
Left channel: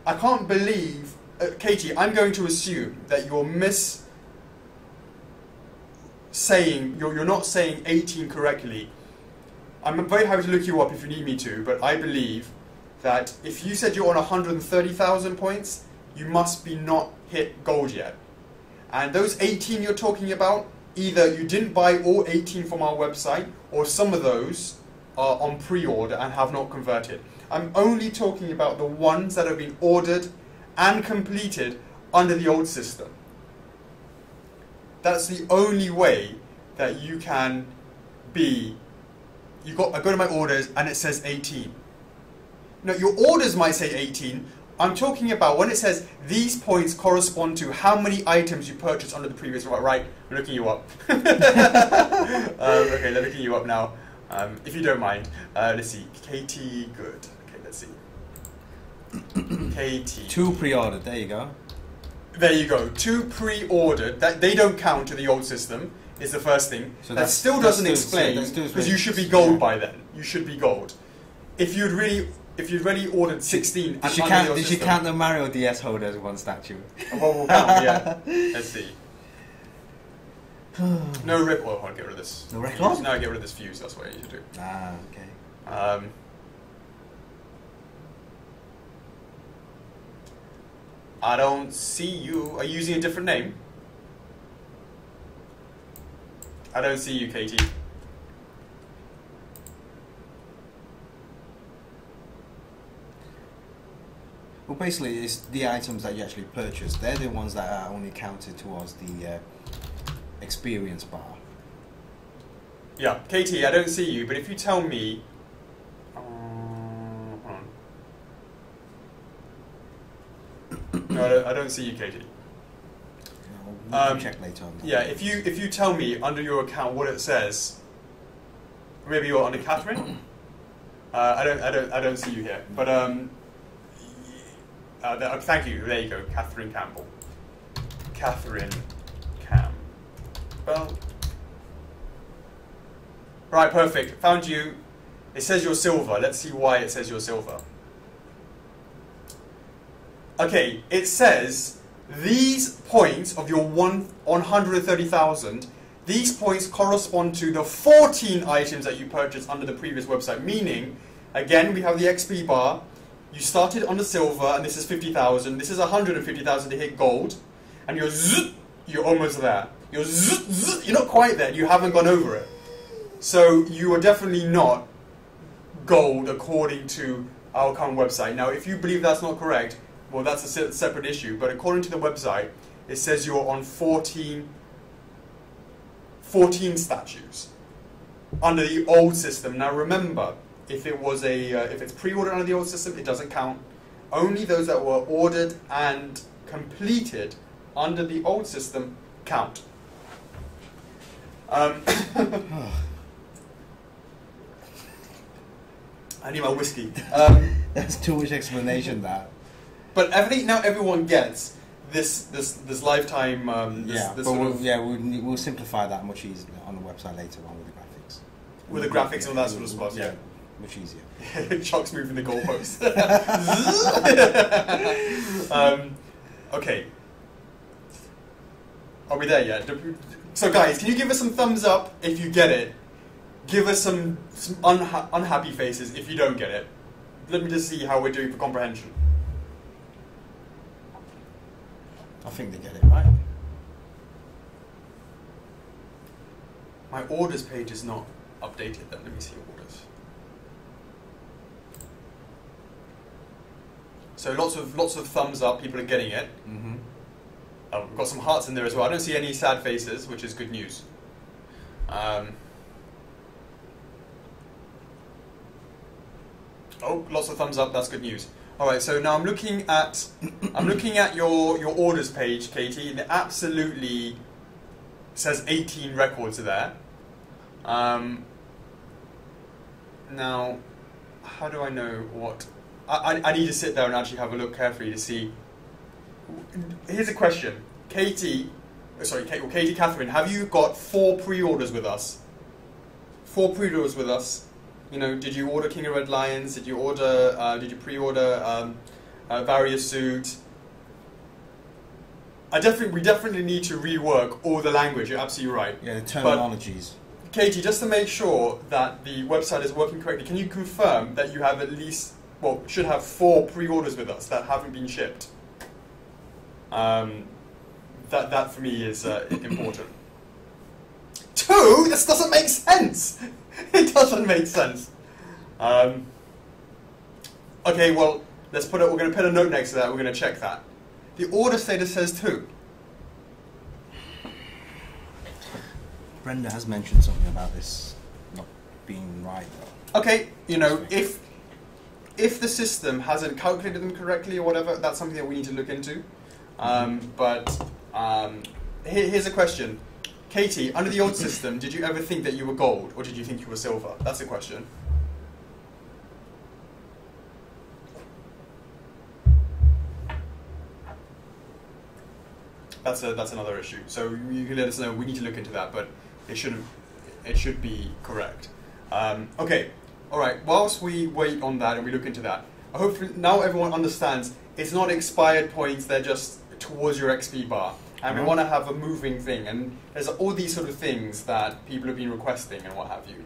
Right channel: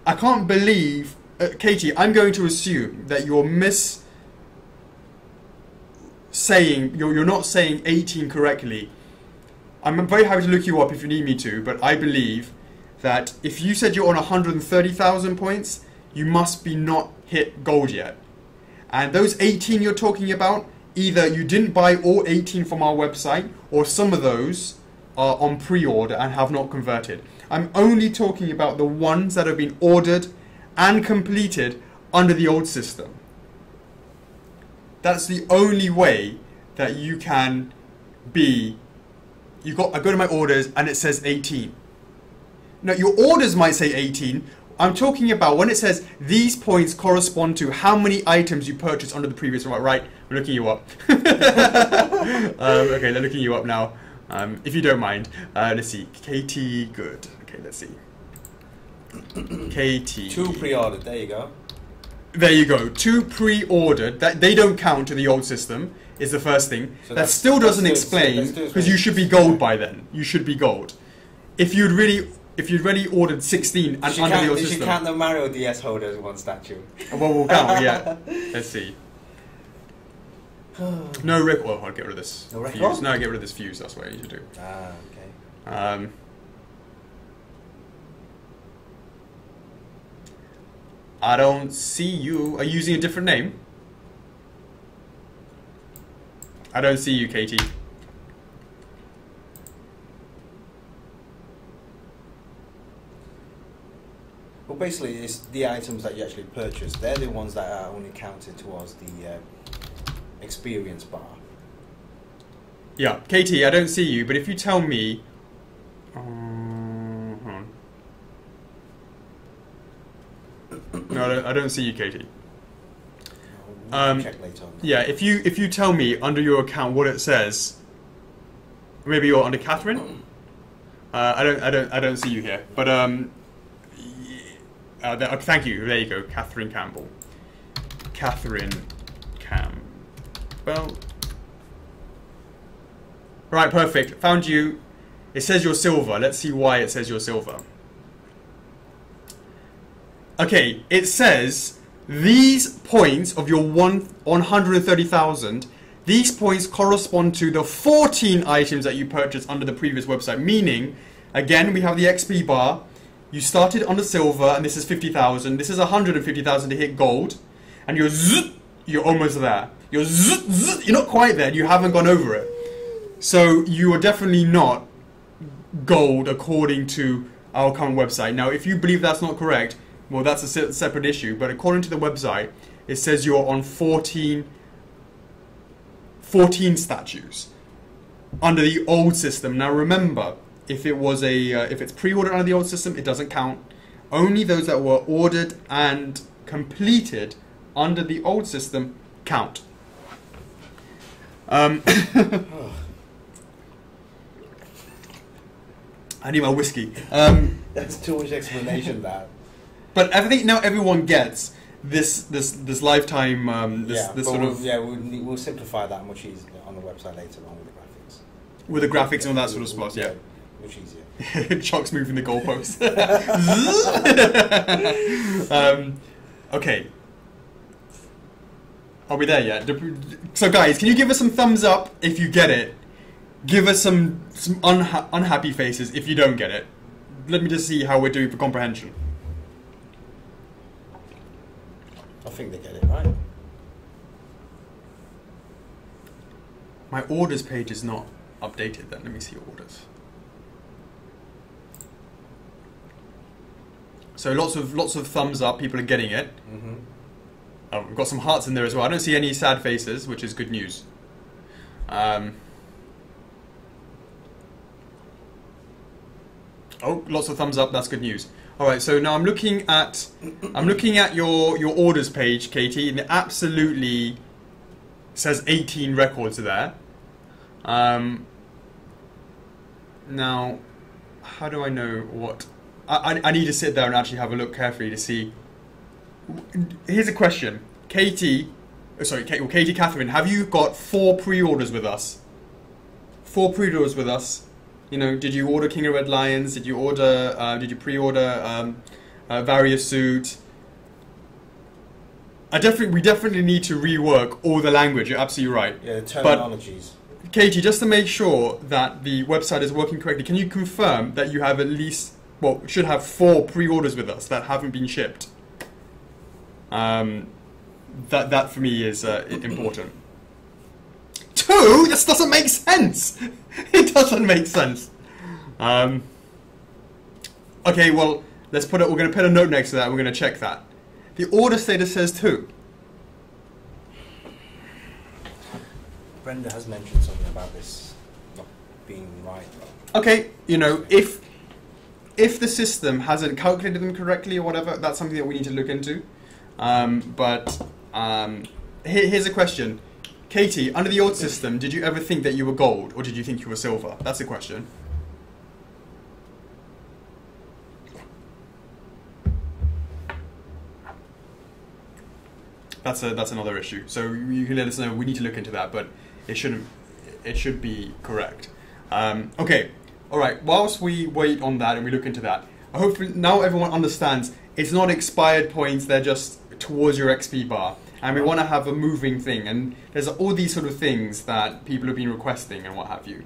I can't believe, Katie, I'm going to assume that you're you're not saying 18 correctly. I'm very happy to look you up if you need me to, but I believe that if you said you're on 130,000 points, you must be not hit gold yet. And those 18 you're talking about, either you didn't buy all 18 from our website, or some of those are on pre-order and have not converted. I'm only talking about the ones that have been ordered and completed under the old system. That's the only way that you can be... I go to my orders and it says 18. Now, your orders might say 18. I'm talking about when it says these points correspond to how many items you purchased under the previous... Right, I'm looking you up. Okay, they're looking you up now. If you don't mind. Let's see. KT, good. Okay, let's see. KT. 2 pre-ordered, there you go. There you go. 2 pre-ordered. That they don't count to the old system is the first thing. So that still doesn't explain, because you should be gold by then. You should be gold. If you'd already ordered 16 and under the old system. Did you count the Mario DS holder as one statue? Well, we'll count, yeah. Let's see. No record. Well, I'll get rid of this. No record? Fuse. No, get rid of this fuse. That's what I need to do. Ah, okay. I don't see you. Are you using a different name? I don't see you, Katie. Well, basically, it's the items that you actually purchase. They're the ones that are only counted towards the experience bar. Yeah, Katie, I don't see you, but if you tell me... hold on. No, I don't see you, Katie. No, we'll check later on. Yeah, if you tell me under your account what it says, maybe you're under Catherine. I don't see you here, but thank you. There you go, Catherine Campbell. Catherine Campbell. Right, perfect. Found you. It says you're silver. Let's see why it says you're silver. Okay, it says these points of your 130,000, these points correspond to the 14 items that you purchased under the previous website. Meaning, again, we have the XP bar. You started on the silver, and this is 50,000. This is 150,000 to hit gold, and you're almost there. You're not quite there. You haven't gone over it. So you are definitely not gold according to our current website. Now, if you believe that's not correct, well, that's a separate issue. But according to the website, it says you're on 14 statues under the old system. Now, remember, if it's pre-ordered under the old system, it doesn't count. Only those that were ordered and completed under the old system count. I need my whiskey. That's too much explanation, that. But I think now everyone gets this lifetime. We'll simplify that much easier on the website later on with the graphics. With the graphics and all that sort of stuff, yeah. Much easier. Chuck's moving the goalpost. Okay. Are we there yet? So guys, can you give us some thumbs up if you get it? Give us some unhappy faces if you don't get it. Let me just see how we're doing for comprehension. I think they get it right. My orders page is not updated then. Let me see orders. So lots of thumbs up. People are getting it. Mm-hmm. Oh, we've got some hearts in there as well. I don't see any sad faces, which is good news. Oh, lots of thumbs up. That's good news. All right. So now I'm looking at your orders page, Katie, and it absolutely says 18 records there. Now, how do I know what? I need to sit there and actually have a look carefully to see. Here's a question, Katie. Katie Catherine, have you got 4 pre-orders with us? 4 pre-orders with us. You know, did you order King of Red Lions? Did you order? Did you pre-order Various Suit? We definitely need to rework all the language. You're absolutely right. Yeah, the terminologies. But, Katie, just to make sure that the website is working correctly, can you confirm that you have at least, should have 4 pre-orders with us that haven't been shipped? That for me is important. 2? This doesn't make sense. It doesn't make sense. Okay, well, let's put it. We're going to put a note next to that. We're going to check that. The order status says 2. Brenda has mentioned something about this not being right, though. Okay, you know, if the system hasn't calculated them correctly or whatever, that's something that we need to look into. Here's a question. Katie, under the old system, did you ever think that you were gold, or did you think you were silver? That's a question. That's another issue. So you can let us know. We need to look into that, but it should be correct. Okay, all right. Whilst we wait on that and we look into that, I hope now everyone understands it's not expired points. They're just towards your XP bar. And we want to have a moving thing, and there's all these sort of things that people have been requesting and what have you.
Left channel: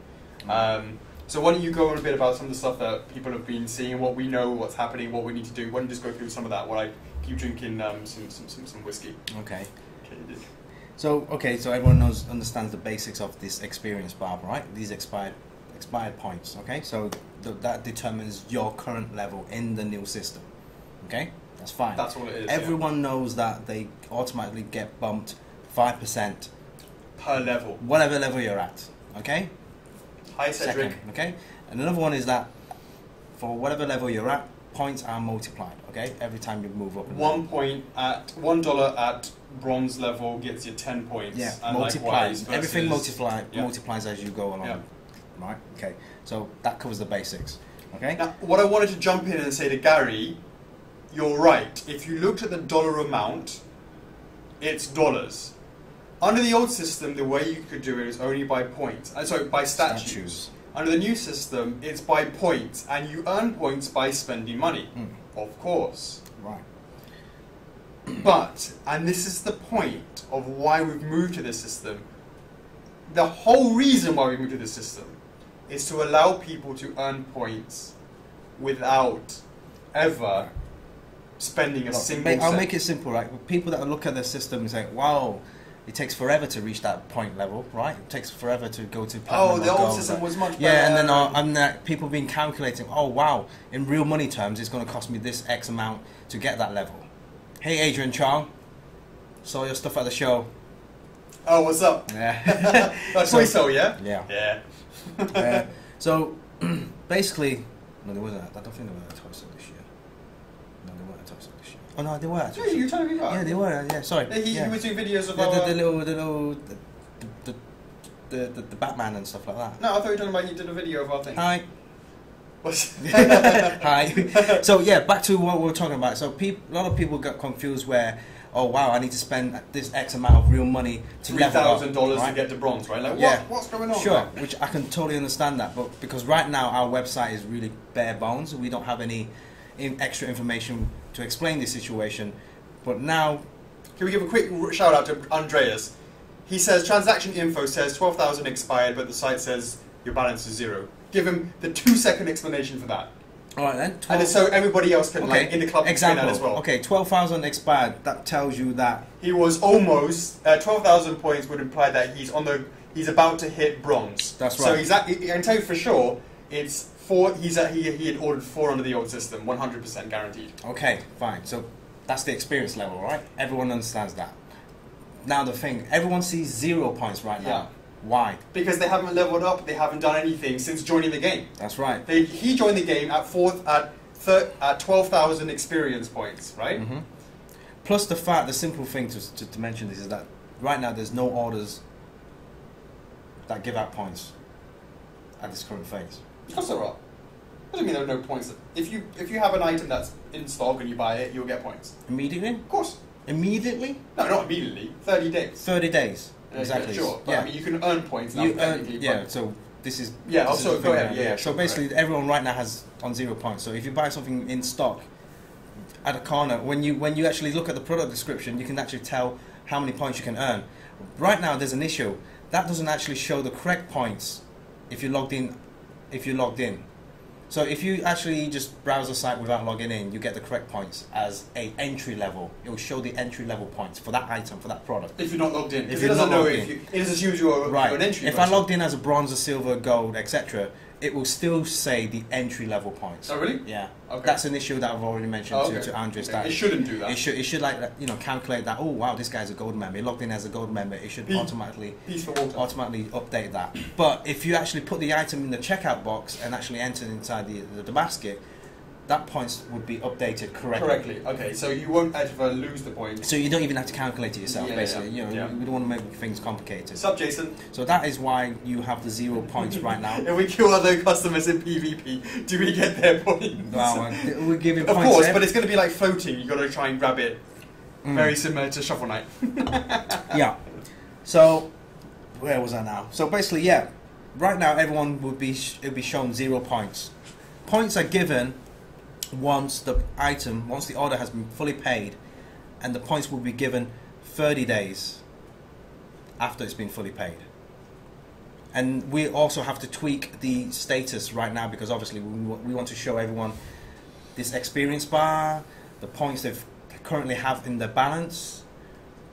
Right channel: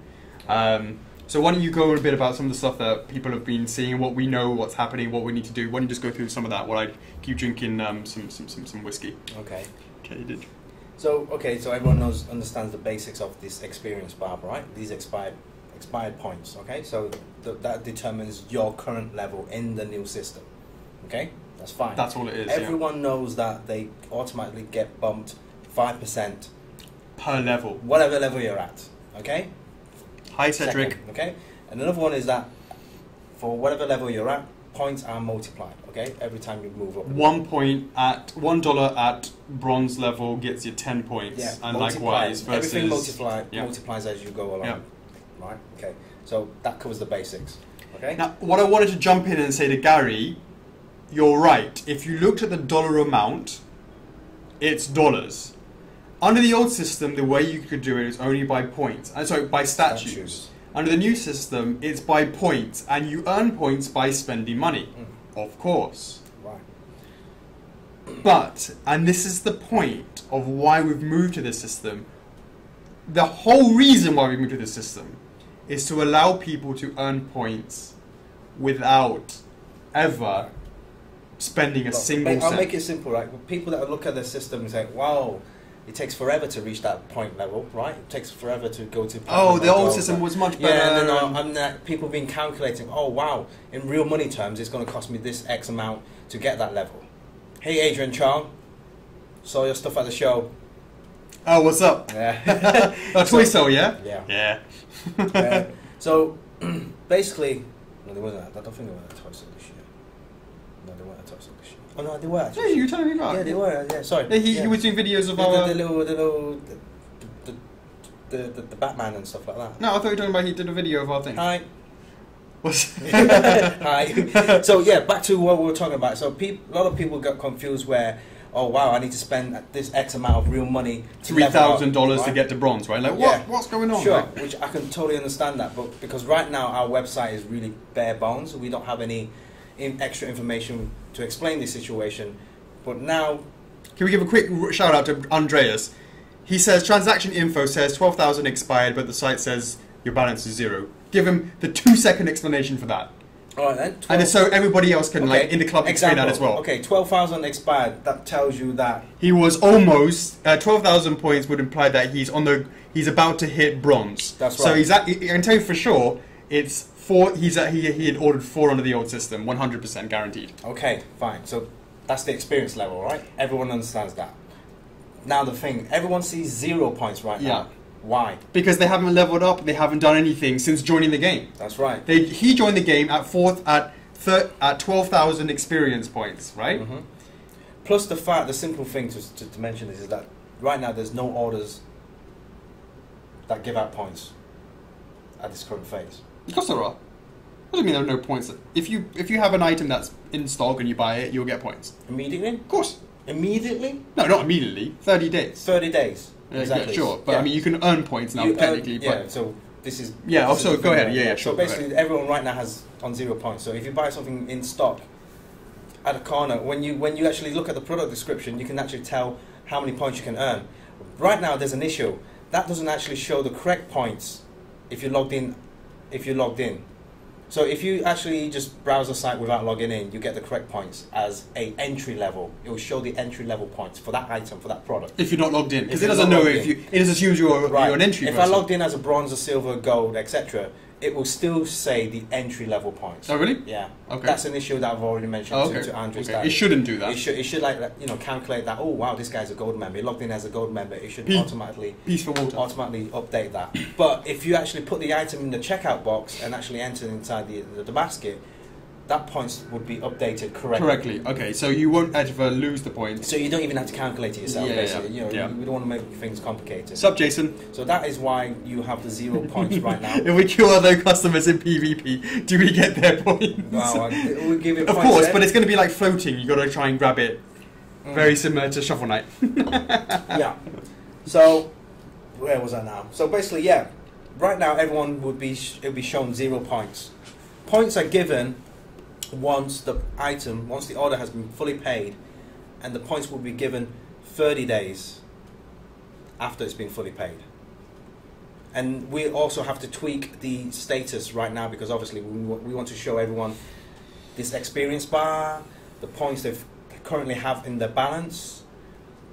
So why don't you go a bit about some of the stuff that people have been seeing and what we know, what's happening, what we need to do. Why don't you just go through some of that while I keep drinking some whiskey. Okay. Okay. So everyone understands the basics of this experience bar, right? These expired points. Okay. So that determines your current level in the new system. Okay. That's fine. That's all it is. Everyone knows that they automatically get bumped 5% per level, whatever level you're at. Okay. Hi, Cedric. Second, okay. And another one is that for whatever level you're at, points are multiplied. Okay. Every time you move up. $1 at bronze level gets you 10 points. Yeah. And multiplies. Likewise, everything multiplies as you go along. Yeah. Right. Okay. So that covers the basics. Okay. Now, what I wanted to jump in and say to Gary. You're right. If you looked at the dollar amount, it's dollars. Under the old system, the way you could do it is only by points. By statues. Under the new system, it's by points, and you earn points by spending money. Of course. Right. But, and this is the point of why we've moved to this system, the whole reason why we moved to this system is to allow people to earn points without ever spending a single cent. I'll make it simple, right? People that look at the system and say, wow, it takes forever to reach that point level, right? It takes forever to go to platinum. Oh, the old system was much better. Yeah, and then people been calculating, oh, wow, in real money terms, it's going to cost me this X amount to get that level. Hey, Adrian Chong, saw your stuff at the show. Oh, what's up? Yeah. Twiso, yeah? Yeah. Yeah. So, basically, no, there wasn't. I don't think there was a Twiso this year. No, they weren't a Twiso this year. Oh, no, they were. Yeah, you were telling me about. Yeah, they were. Yeah, sorry. He was doing videos of the Batman and stuff like that. No, I thought you were talking about he did a video of our thing. Hi. What's Hi. So yeah, back to what we were talking about. So a lot of people got confused where, oh wow, I need to spend this X amount of real money to $3,000 to get to bronze, right? Like, what's going on? Sure, right? Which I can totally understand that, but because right now our website is really bare bones, we don't have any extra information to explain this situation. But now, can we give a quick shout out to Andreas? He says transaction info says 12,000 expired, but the site says your balance is 0. Give him the 2-second explanation for that. All right then. And so everybody else can, like, in the club, explain that as well. Okay, 12,000 expired. That tells you that he was almost 12,000 points would imply that he's about to hit bronze. That's right. So I can tell you for sure, it's 4. He had ordered 4 under the old system, 100% guaranteed. Okay, fine. So that's the experience level, right? Everyone understands that. Now the thing, everyone sees 0 points right now. Yeah. Why? Because they haven't leveled up. They haven't done anything since joining the game. That's right. He joined the game at 12,000 experience points, right? Mm-hmm. Plus the simple thing to mention is that right now there's no orders that give out points at this current phase. Of course there are. Doesn't mean there are no points. If you have an item that's in stock and you buy it, you'll get points. Immediately? Of course. Immediately? No, not immediately. 30 days. 30 days. Exactly. Yeah, sure. But I mean, you can earn points now, technically. So this is... Yeah, also go ahead. Yeah, sure. So basically, everyone right now has on 0 points. So if you buy something in stock at a corner, when you actually look at the product description, you can actually tell how many points you can earn. Right now, there's an issue. That doesn't actually show the correct points if you're logged in. So if you actually just browse the site without logging in, you get the correct points as a entry level. It will show the entry level points for that item, for that product. If you're not logged in, because it doesn't know if you. It just assumes you're an entry. If I logged in as a bronze, a silver, gold, etc., it will still say the entry level points. Oh, really? Yeah. Okay. That's an issue that I've already mentioned to Andrews. Okay. It shouldn't do that. It should like, you know, calculate that. Oh wow, this guy's a gold member. He logged in as a gold member. It should automatically update that. But if you actually put the item in the checkout box and actually enter it inside the basket, that points would be updated correctly. Okay, so you won't ever lose the points. So you don't even have to calculate it yourself, basically. You know, we don't want to make things complicated. Sup, Jason? So that is why you have the 0 points right now. If we kill other customers in PvP, do we get their points? Well, we give it points. Of course, but it's going to be like floating. You've got to try and grab it. Very similar to Shovel Knight. Yeah. So, where was I now? So basically, yeah. Right now, everyone would be shown 0 points. Points are given once the order has been fully paid, and the points will be given 30 days after it's been fully paid. And we also have to tweak the status right now, because obviously we want to show everyone this experience bar, the points they currently have in their balance,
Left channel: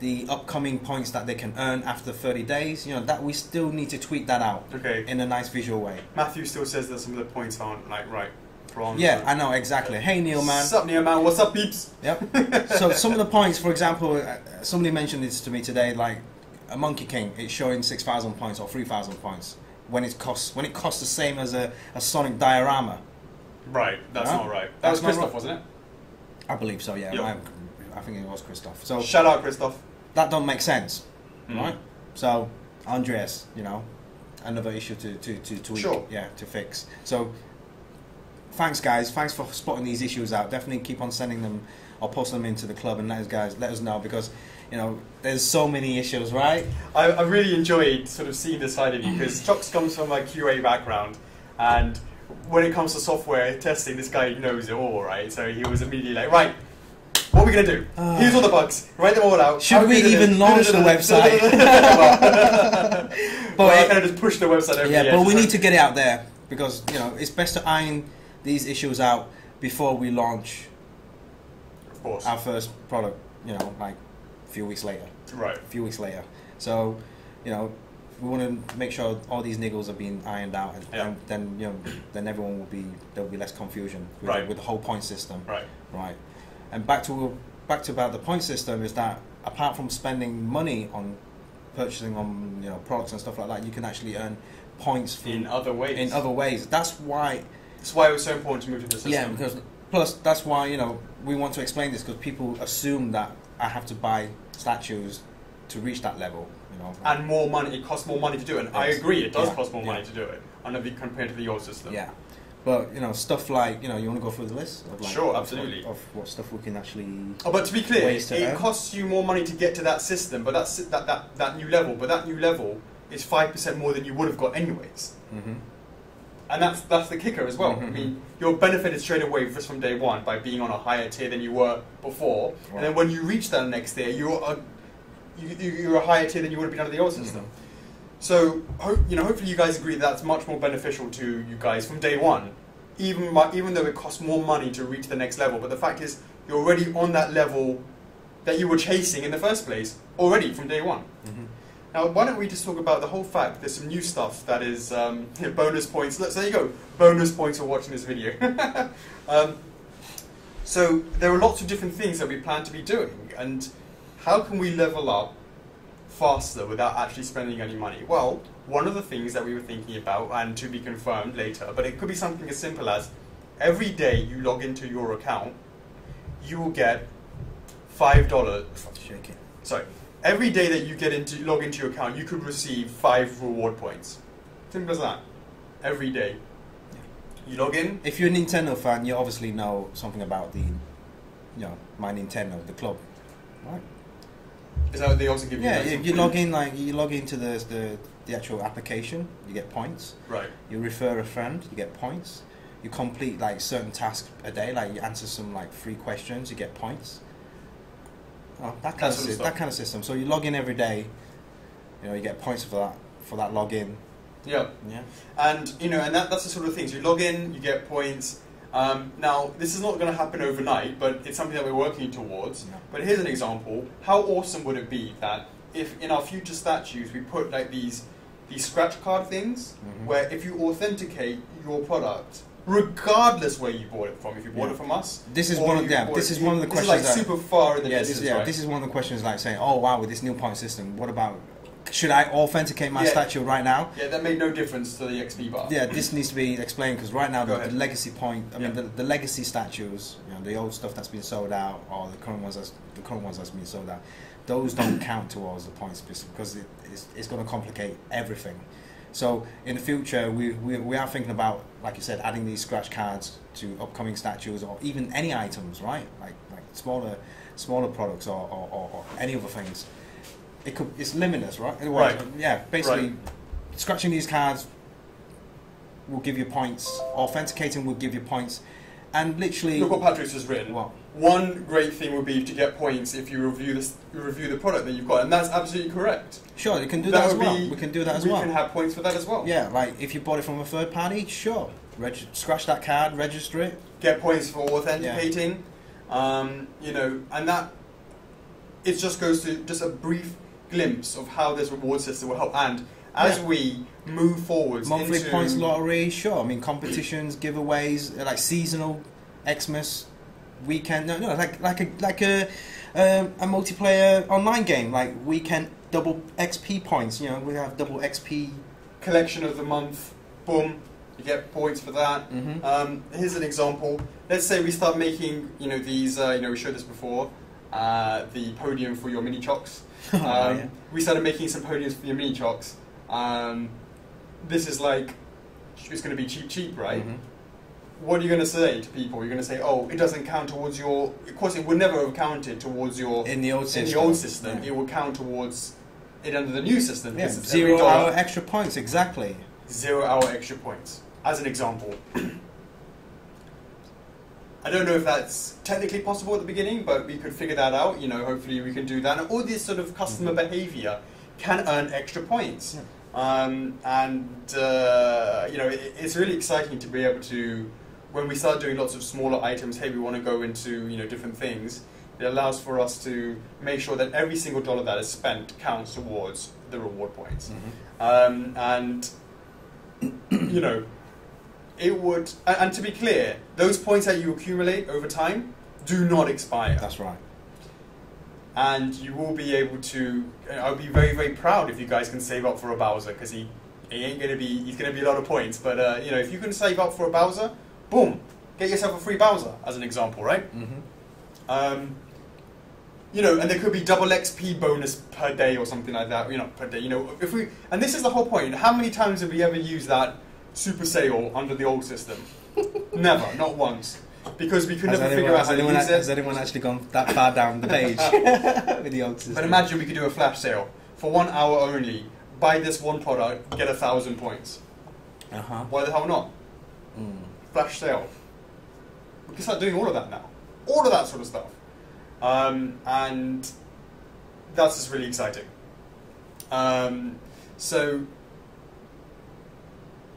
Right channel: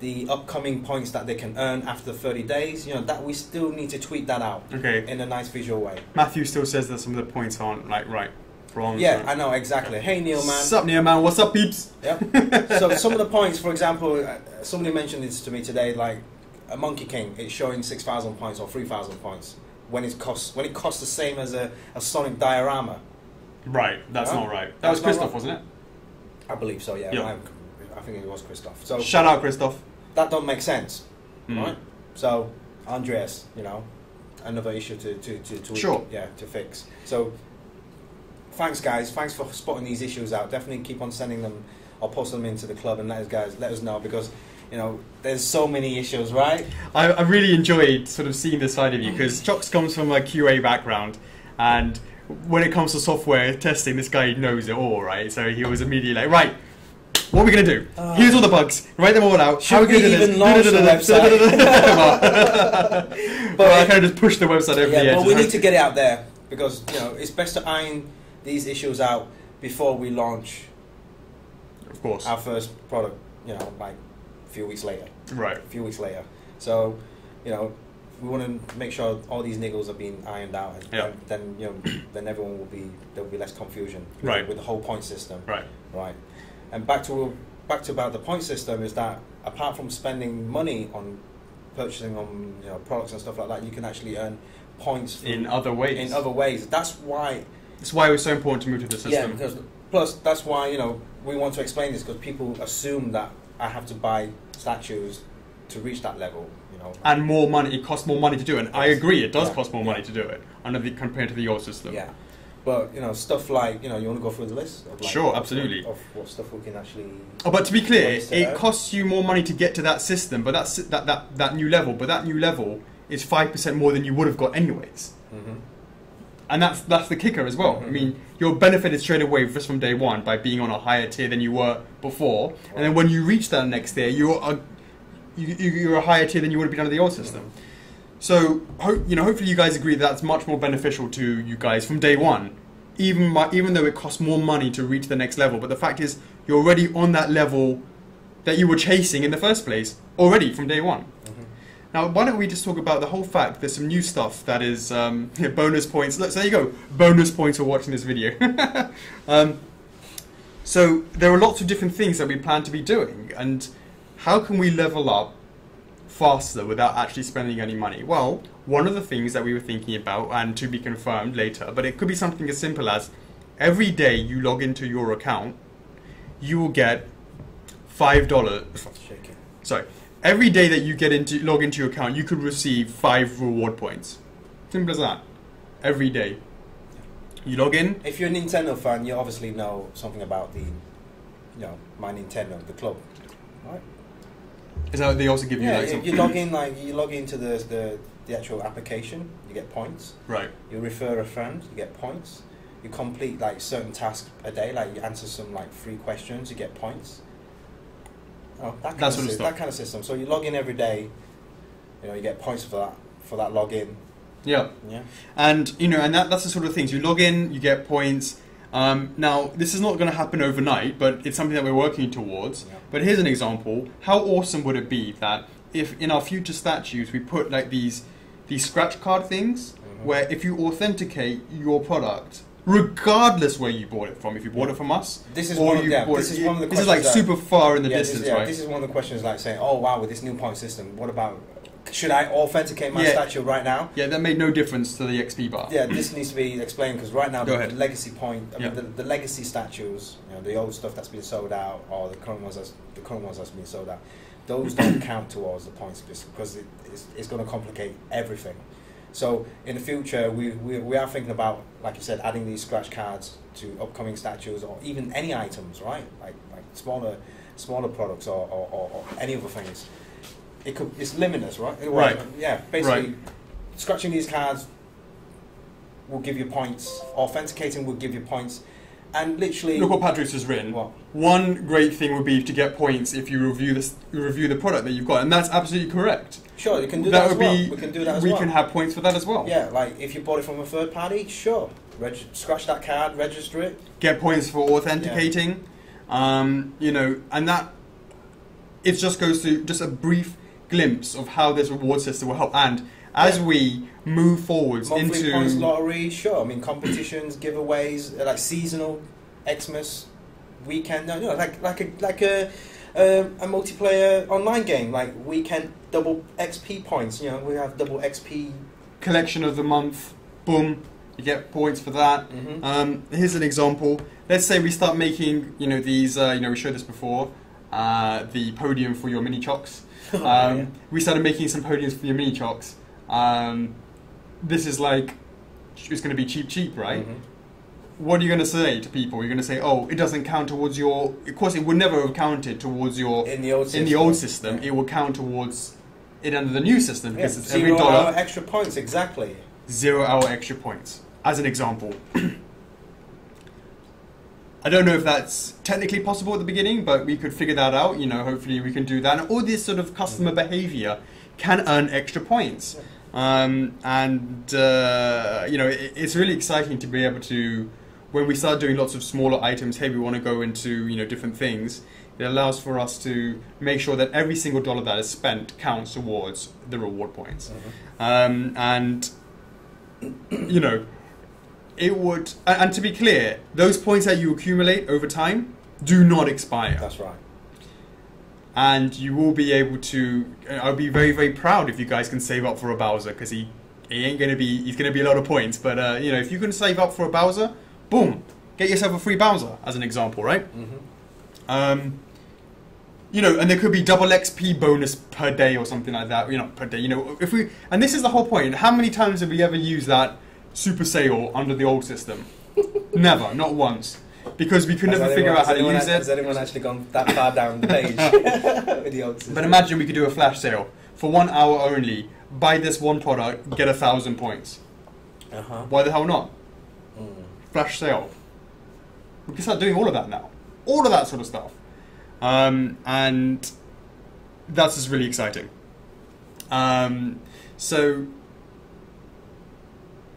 the upcoming points that they can earn after 30 days. You know, that we still need to tweak that out in a nice visual way. Matthew still says that some of the points aren't like right. Wrong. Yeah, I know, exactly. Hey, Neil, man. What's up, Neil, man? What's up, peeps? Yep. So some of the points, for example, somebody mentioned this to me today, like a Monkey King, it's showing 6,000 points or 3,000 points when it costs the same as a Sonic diorama. Right, that's not right. That was Christoph, wasn't it? I believe so, yeah. I think it was Christoph. So shout out, Christoph. That don't make sense, right? So Andreas, you know, another issue to tweak, to fix. So thanks, guys. Thanks for spotting these issues out. Definitely keep on sending them or post them into the club and let us know, because, you know, there's so many issues, right? I really enjoyed sort of seeing this side of you, because Chocks comes from a QA background, and when it comes to software testing, this guy knows it all, right? So he was immediately like, right, what are we going to do? Here's all the bugs. Write them all out. Should we even launch the website? But I kind of just pushed the website over the edge. Yeah, but we need to get it out there, because, you know, it's best to iron these issues out before we launch, of course, our first product, you know, like a few weeks later. Right. A few weeks later. So, you know, we want to make sure all these niggles are being ironed out, and then, you know, then everyone there'll be less confusion with the whole point system. Right. And back to about the point system is that apart from spending money on purchasing on, you know, products and stuff like that, you can actually earn points in other ways. That's why it was so important to move to the system. Yeah, because plus that's why, you know, we want to explain this, because people assume that I have to buy statues to reach that level, you know. And more money. It costs more money to do it. And I agree, it does cost more money to do it compared to the old system. Yeah. But, you know, stuff like, you know, you want to go through the list? Of, like, sure, absolutely. Of what stuff we can actually... Oh, but to be clear, it costs you more money to get to that system, but that new level. But that new level is 5% more than you would have got anyways. Mm-hmm. And that's the kicker as well. Mm-hmm. I mean, you're benefited straight away just from day one by being on a higher tier than you were before. Right. And then when you reach that next tier, you're a higher tier than you would have been under the old system. Mm-hmm. So, hopefully you guys agree that's much more beneficial to you guys from day one, even though it costs more money to reach the next level. But the fact is, you're already on that level that you were chasing in the first place, already from day one. Mm-hmm. Now, why don't we just talk about the whole fact there's some new stuff that is bonus points. Look, so there you go, bonus points for watching this video. So there are lots of different things that we plan to be doing, and how can we level up faster without actually spending any money? Well, one of the things that we were thinking about, and to be confirmed later, but it could be something as simple as every day you log into your account, you will get $5. Sorry. Every day that you log into your account, you could receive 5 reward points. Simple as that. Every day. You log in. If you're a Nintendo fan, you obviously know something about the, you know, My Nintendo, the club, right? Is that what they also give you? Yeah, if you log into the actual application, you get points. Right. You refer a friend, you get points. You complete like certain tasks a day, like you answer some like 3 questions, you get points. Oh, that kind of system. So you log in every day, you know, you get points for that login. Yeah. Yeah. And that's the sort of things. You log in, you get points. Now, this is not going to happen overnight, but it's something that we're working towards. Yeah. But here's an example. How awesome would it be that if in our future statues we put like these these scratch card things, where if you authenticate your product, regardless where you bought it from, if you bought it from us, this is one of the questions. This is like super far in the distance, right? This is one of the questions, like saying, "Oh wow, with this new point system, what about? Should I authenticate my statue right now?" Yeah, that made no difference to the XP bar. Yeah, this needs to be explained because right now the legacy point, mean, the legacy statues, the old stuff that's been sold out, or the current ones that's been sold out, those don't count towards the points because it's going to complicate everything. So in the future, we are thinking about, like you said, adding these scratch cards to upcoming statues or even any items, right? Like smaller products or any other things. It's limitless, right? Right. Yeah. Basically, scratching these cards will give you points. Authenticating will give you points. And literally, look what Patrick's has written. What? One great thing would be to get points if you review the product that you've got, and that's absolutely correct. Sure, you can do that as well. We can do that as well. We can have points for that as well. Yeah, like if you bought it from a third party, sure. Scratch that card, register it. Get points for authenticating. And that it just goes to just a brief glimpse of how this reward system will help. And as we move forwards monthly into points lottery, sure. I mean competitions, giveaways, like seasonal, Xmas, weekend. No, like a multiplayer online game, like weekend double XP points. We have double XP collection of the month. Boom, you get points for that. Here's an example. Let's say we start making these. We showed this before. The podium for your mini chocks. We started making some podiums for your mini chocks. This is like, it's going to be cheap, right? What are you going to say to people? You're going to say, oh, it doesn't count towards your... Of course, it would never have counted towards your... In the old system. It will count towards it under the new system. Because it's 0 hour extra points, exactly. 0 hour extra points, as an example. I don't know if that's technically possible at the beginning, but we could figure that out. Hopefully we can do that. And all this sort of customer behavior can earn extra points. It's really exciting to be able to, when we start doing lots of smaller items, hey, we want to go into different things, it allows for us to make sure that every single dollar that is spent counts towards the reward points. It would, and to be clear, those points that you accumulate over time do not expire. That's right. And you will be able to. I'll be very, very proud if you guys can save up for a Bowser, because he's going to be a lot of points. But if you can save up for a Bowser, boom, get yourself a free Bowser as an example, right? And there could be double XP bonus per day or something like that. Per day. If we, and this is the whole point. How many times have we ever used that super sale under the old system? Never, not once. Because we could never figure out how to use it. Has anyone actually gone that far down the page with the old system? But imagine we could do a flash sale for 1 hour only. Buy this one product, get 1,000 points. Why the hell not? Flash sale. We can start doing all of that now. All of that sort of stuff. And that's just really exciting.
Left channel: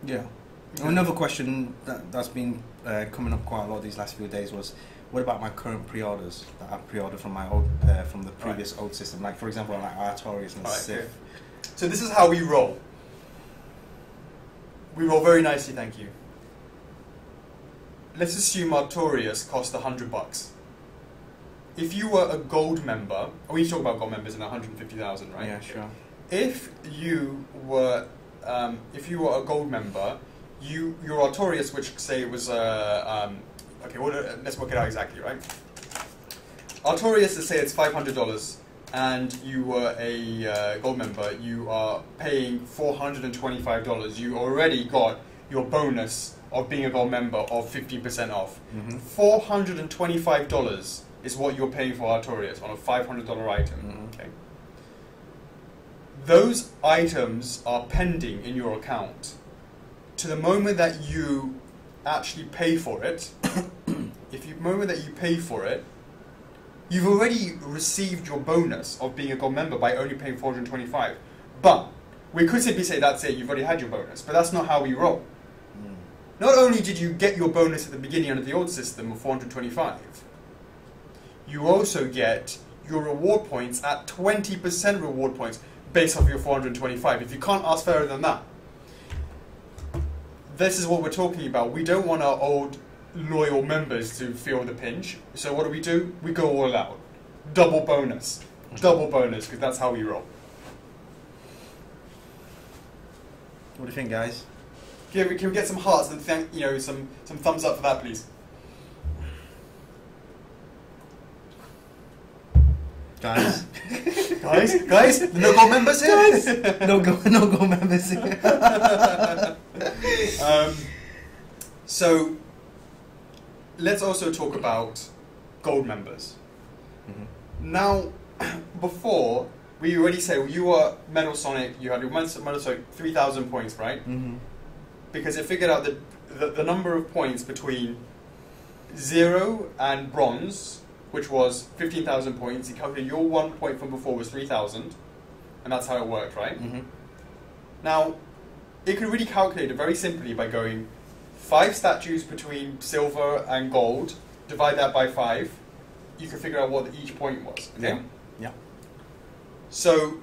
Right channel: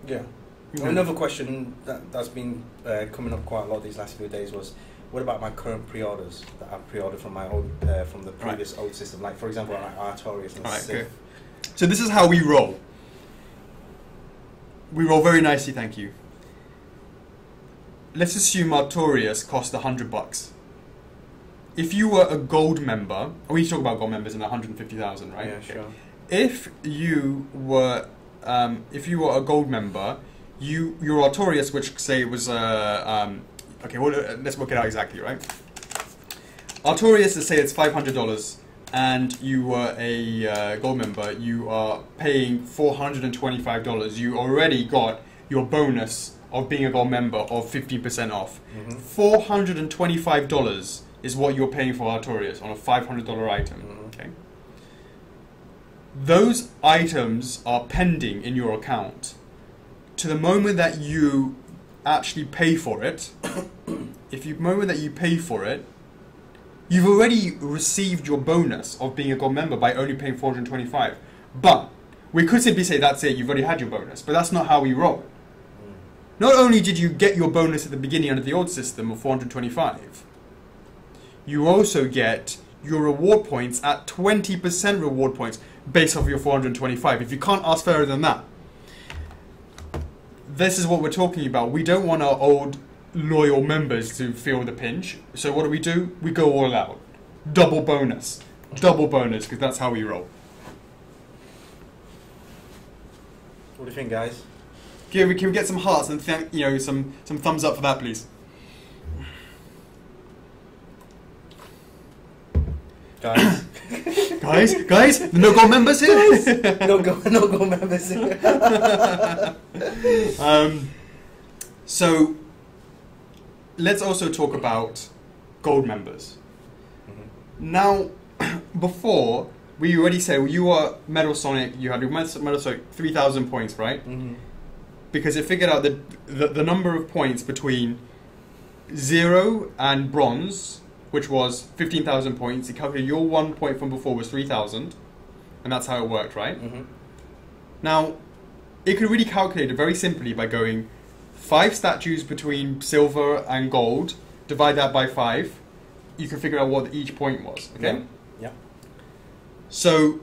Yeah. Another question that's been coming up quite a lot these last few days was, what about my current pre-orders that I've pre-ordered from my old, from the previous old system? Like, for example, like Artorias and Sith. Okay. So this is how we roll. We roll very nicely, thank you. Let's assume Artorias cost $100. If you were a gold member, we talk about gold members in 150,000, right? Yeah, sure. If you were a gold member, your Artorias, which say it was let's work it out exactly, right? Artorias, let's say it's $500, and you were a gold member, you are paying $425. You already got your bonus of being a gold member of 15% off. $425 is what you're paying for Artorias on a $500 item. Okay. Those items are pending in your account to the moment that you actually pay for it. Moment that you pay for it, you've already received your bonus of being a gold member by only paying $425. But we could simply say that's it, you've already had your bonus, but that's not how we roll. Not only did you get your bonus at the beginning under the old system of $425, you also get your reward points at 20% reward points. based off your 425. If you can't ask fairer than that, this is what we're talking about. We don't want our old loyal members to feel the pinch. So what do? We go all out. Double bonus, because that's how we roll. What do you think, guys? Can we get some hearts and some thumbs up for that, please? Guys, guys, the no goal members here. no go members here. So let's also talk about gold members. Mm-hmm. Now, before we already said you were Metal Sonic. You had your Metal Sonic 3,000 points, right? Mm-hmm. Because it figured out that the number of points between 0 and bronze, which was 15,000 points, it calculated your 1 point from before was 3,000, and that's how it worked, right? Mm-hmm. Now, it could really calculate it very simply by going 5 statues between silver and gold, divide that by 5, you can figure out what each point was, okay? Yeah. So,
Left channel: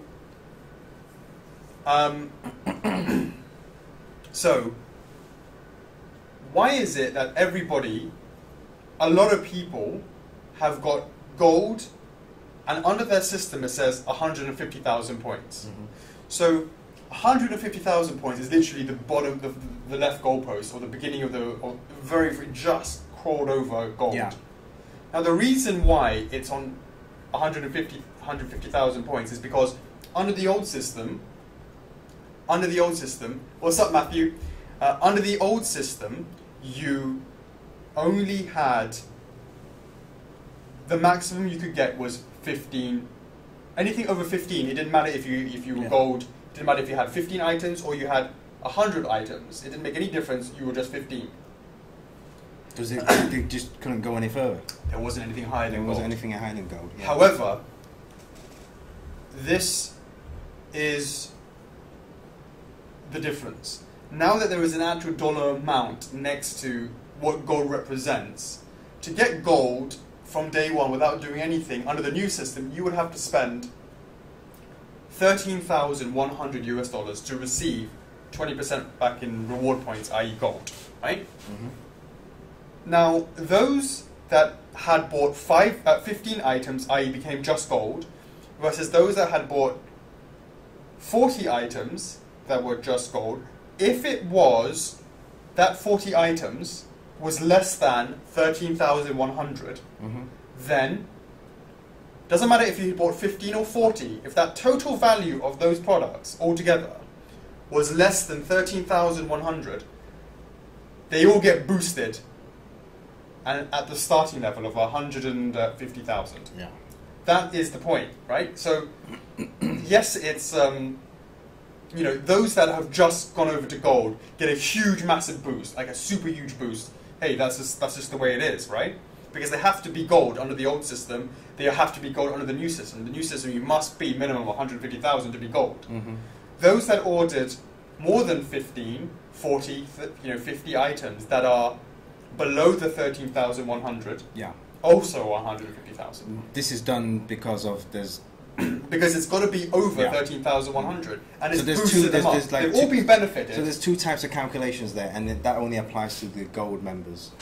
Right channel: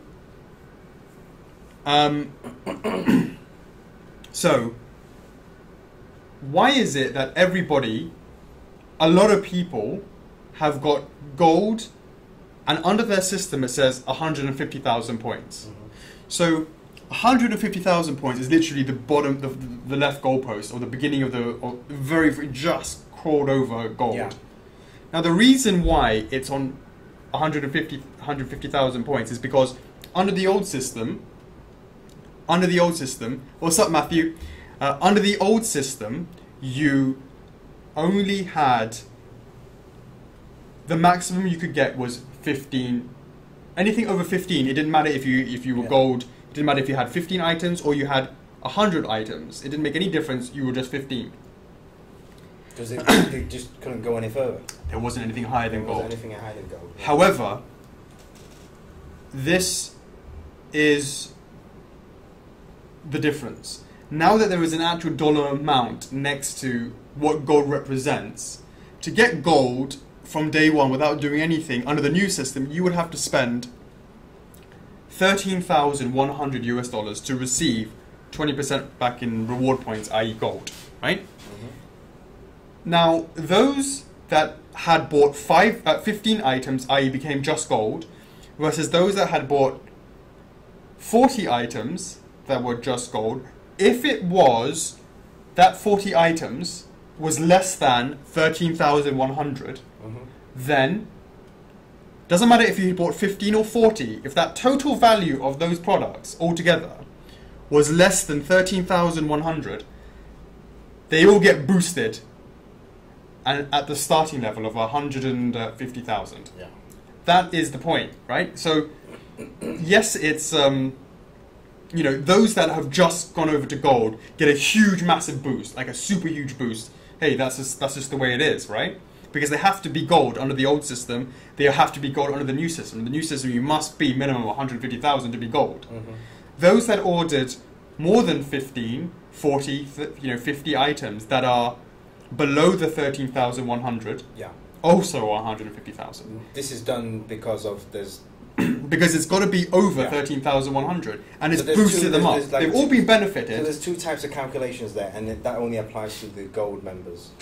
so, why is it that a lot of people have got gold, and under their system it says 150,000 points. Mm-hmm. So 150,000 points is literally the bottom, the left goalpost, or the beginning of the very, very just crawled over gold. Yeah. Now the reason why it's on 150,000 points is because under the old system, what's up, Matthew? Under the old system, you only had, the maximum you could get was 15. Anything over 15, it didn't matter if you were gold. It didn't matter if you had 15 items or you had 100 items. It didn't make any difference. You were just 15. Because it just couldn't go any further. There wasn't anything higher than gold. There wasn't anything higher than gold. Yeah. However, this is the difference. Now that there is an actual dollar amount next to what gold represents, to get gold from day one without doing anything under the new system, you would have to spend $13,100 to receive 20% back in reward points, i.e. gold, right? Mm-hmm. Now, those that had bought 15 items, i.e. became just gold, versus those that had bought 40 items that were just gold, if it was that 40 items was less than 13,100, mm-hmm. then doesn't matter if you bought 15 or 40, if that total value of those products altogether was less than 13,100, they all get boosted and at the starting level of 150,000. Yeah. That is the point, right? So yes, it's those that have just gone over to gold get a huge, massive boost, like a super huge boost. Hey, that's just the way it is, right? Because they have to be gold under the old system. They have to be gold under the new system. The new system, you must be minimum 150,000 to be gold. Mm-hmm. Those that ordered more than 15, 40, 50 items that are below the 13,100, yeah, also 150,000. This is done because of there's because it's got to be over 13,100, and it's boosted them up. They've all been benefited. So there's two types of calculations there, and that only applies to the gold members.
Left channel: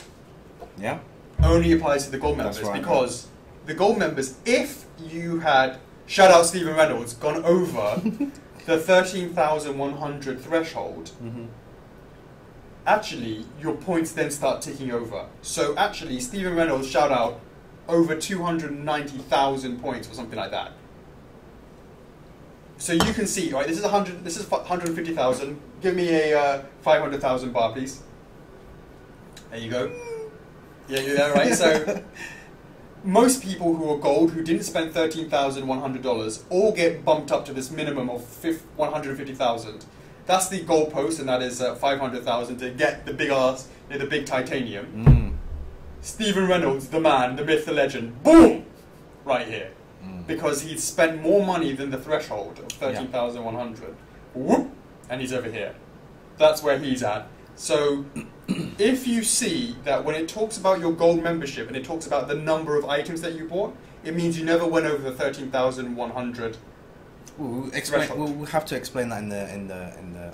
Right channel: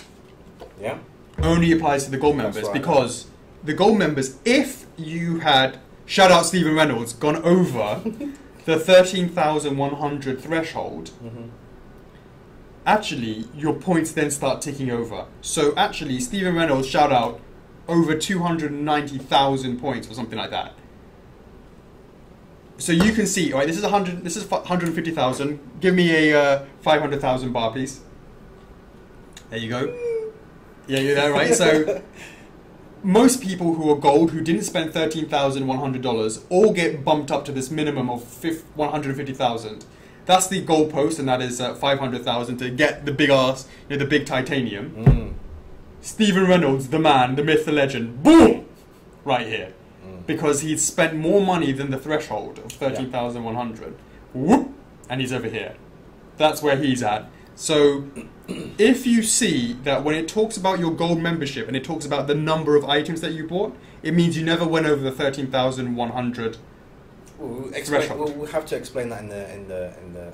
Yeah? Only applies to the gold members, right, because the gold members, if you had, shout out Stephen Reynolds, gone over the 13,100 threshold, mm-hmm. actually your points then start ticking over. So actually Stephen Reynolds, shout out, over 290,000 points or something like that. So you can see, right, this is 150,000. Give me a 500,000 bar, please. There you go. Yeah, you're there, right? So most people who are gold, who didn't spend $13,100, all get bumped up to this minimum of 150,000. That's the gold post, and that is 500,000 to get the big ass, the big titanium. Mm. Stephen Reynolds, the man, the myth, the legend, boom, right here. Because he'd spent more money than the threshold of 13,100. Whoop, and he's over here. That's where he's at. So if you see that when it talks about your gold membership and it talks about the number of items that you bought, it means you never went over the 13,100 We'll have to explain that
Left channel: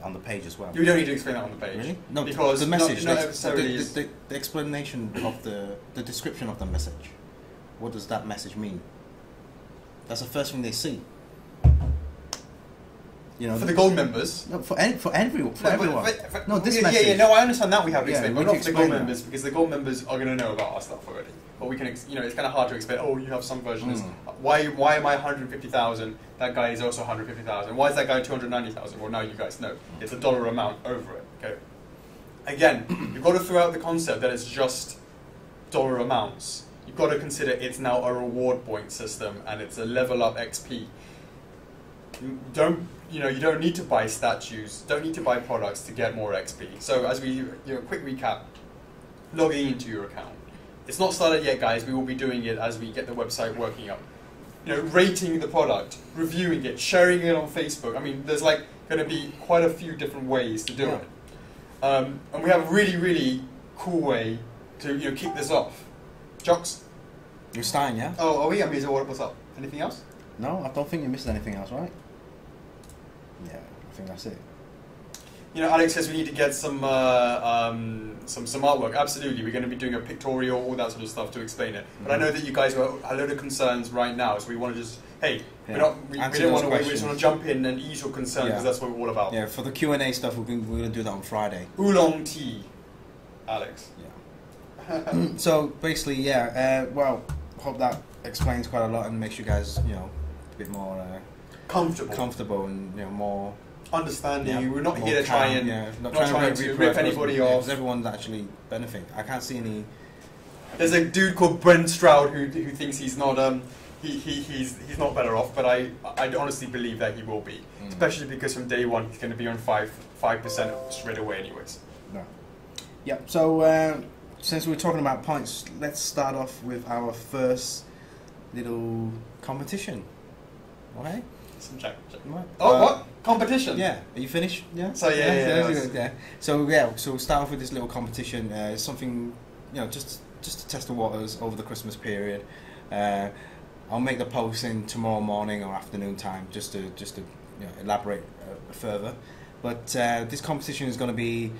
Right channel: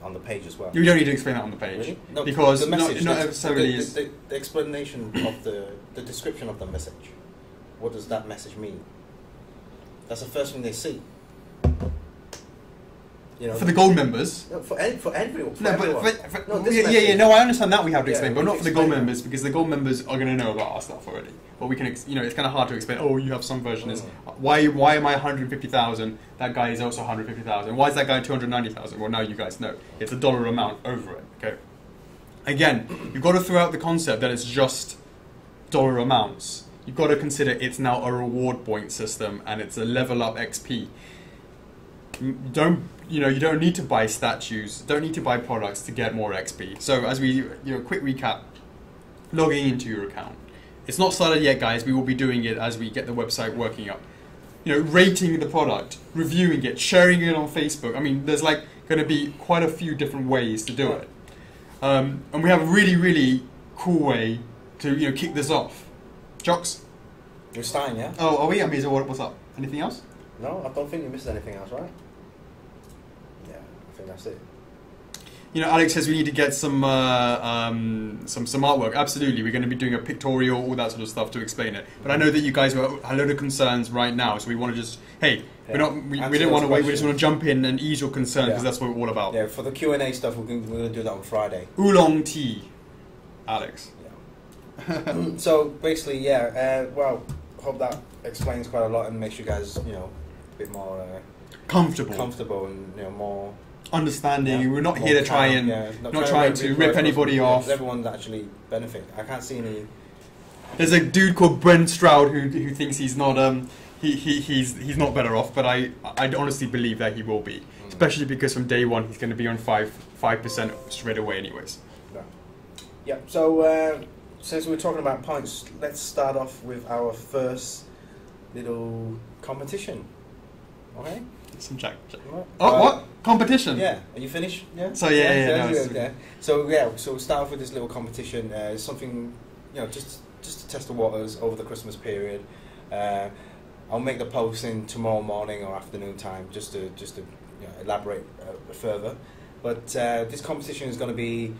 on the page as well. You don't need to explain that on the page. Really? No, because the message, not necessarily is... the explanation of the description of the message. What does that message mean? That's the first thing they see. You know, for the gold members. No, for everyone. No, I understand that we have to explain, but we not for the gold that. members, because the gold members are going to know about our stuff already. But we can, it's kind of hard to explain. Oh, you have some version. Why am I 150,000? That guy is also 150,000. Why is that guy 290,000? Well, now you guys know. It's a dollar amount over it. Okay. Again, you've got to throw out the concept that it's just dollar amounts. You've got to consider it's now a reward point system and it's a level up XP. You don't need to buy statues, don't need to buy products to get more XP. So as we, quick recap, logging into your account. It's not started yet, guys. We will be doing it as we get the website working up. Rating the product, reviewing it, sharing it on Facebook. I mean, there's like going to be quite a few different ways to do it. And we have a really, really cool way to kick this off. Jocks? You're starting, yeah? Oh, are we? I mean, what's up? Anything else? No, I don't think you missed anything else, right? Yeah, I think that's it. Alex says we need to get some artwork. Absolutely, we're going to be doing a pictorial, all that sort of stuff to explain it. But I know that you guys have a load of concerns right now, so we want to just we don't want to wait. We just want to jump in and ease your concerns because that's what we're all about. Yeah, for the Q&A stuff, we're going to do that on Friday. Oolong tea, Alex. Yeah. So basically, well, hope that explains quite a lot and makes you guys, a bit more comfortable and more understanding. Yeah, we're not here to try and not trying to rip anybody off. Everyone's actually benefiting. I can't see any. There's a dude called Brent Stroud who thinks he's not he's not better off, but I honestly believe that he will be, especially because from day one he's going to be on 5% straight away, anyways. No. Yeah. So since we're talking about points, let's start off with our first little competition. Okay. Some check. Right. Oh, what? Competition? Yeah. Are you finished? Yeah. So yeah. So we'll start off with this little competition. Something, just to test the waters over the Christmas period. I'll make the posting tomorrow morning or afternoon time, just to elaborate further. But this competition is going to be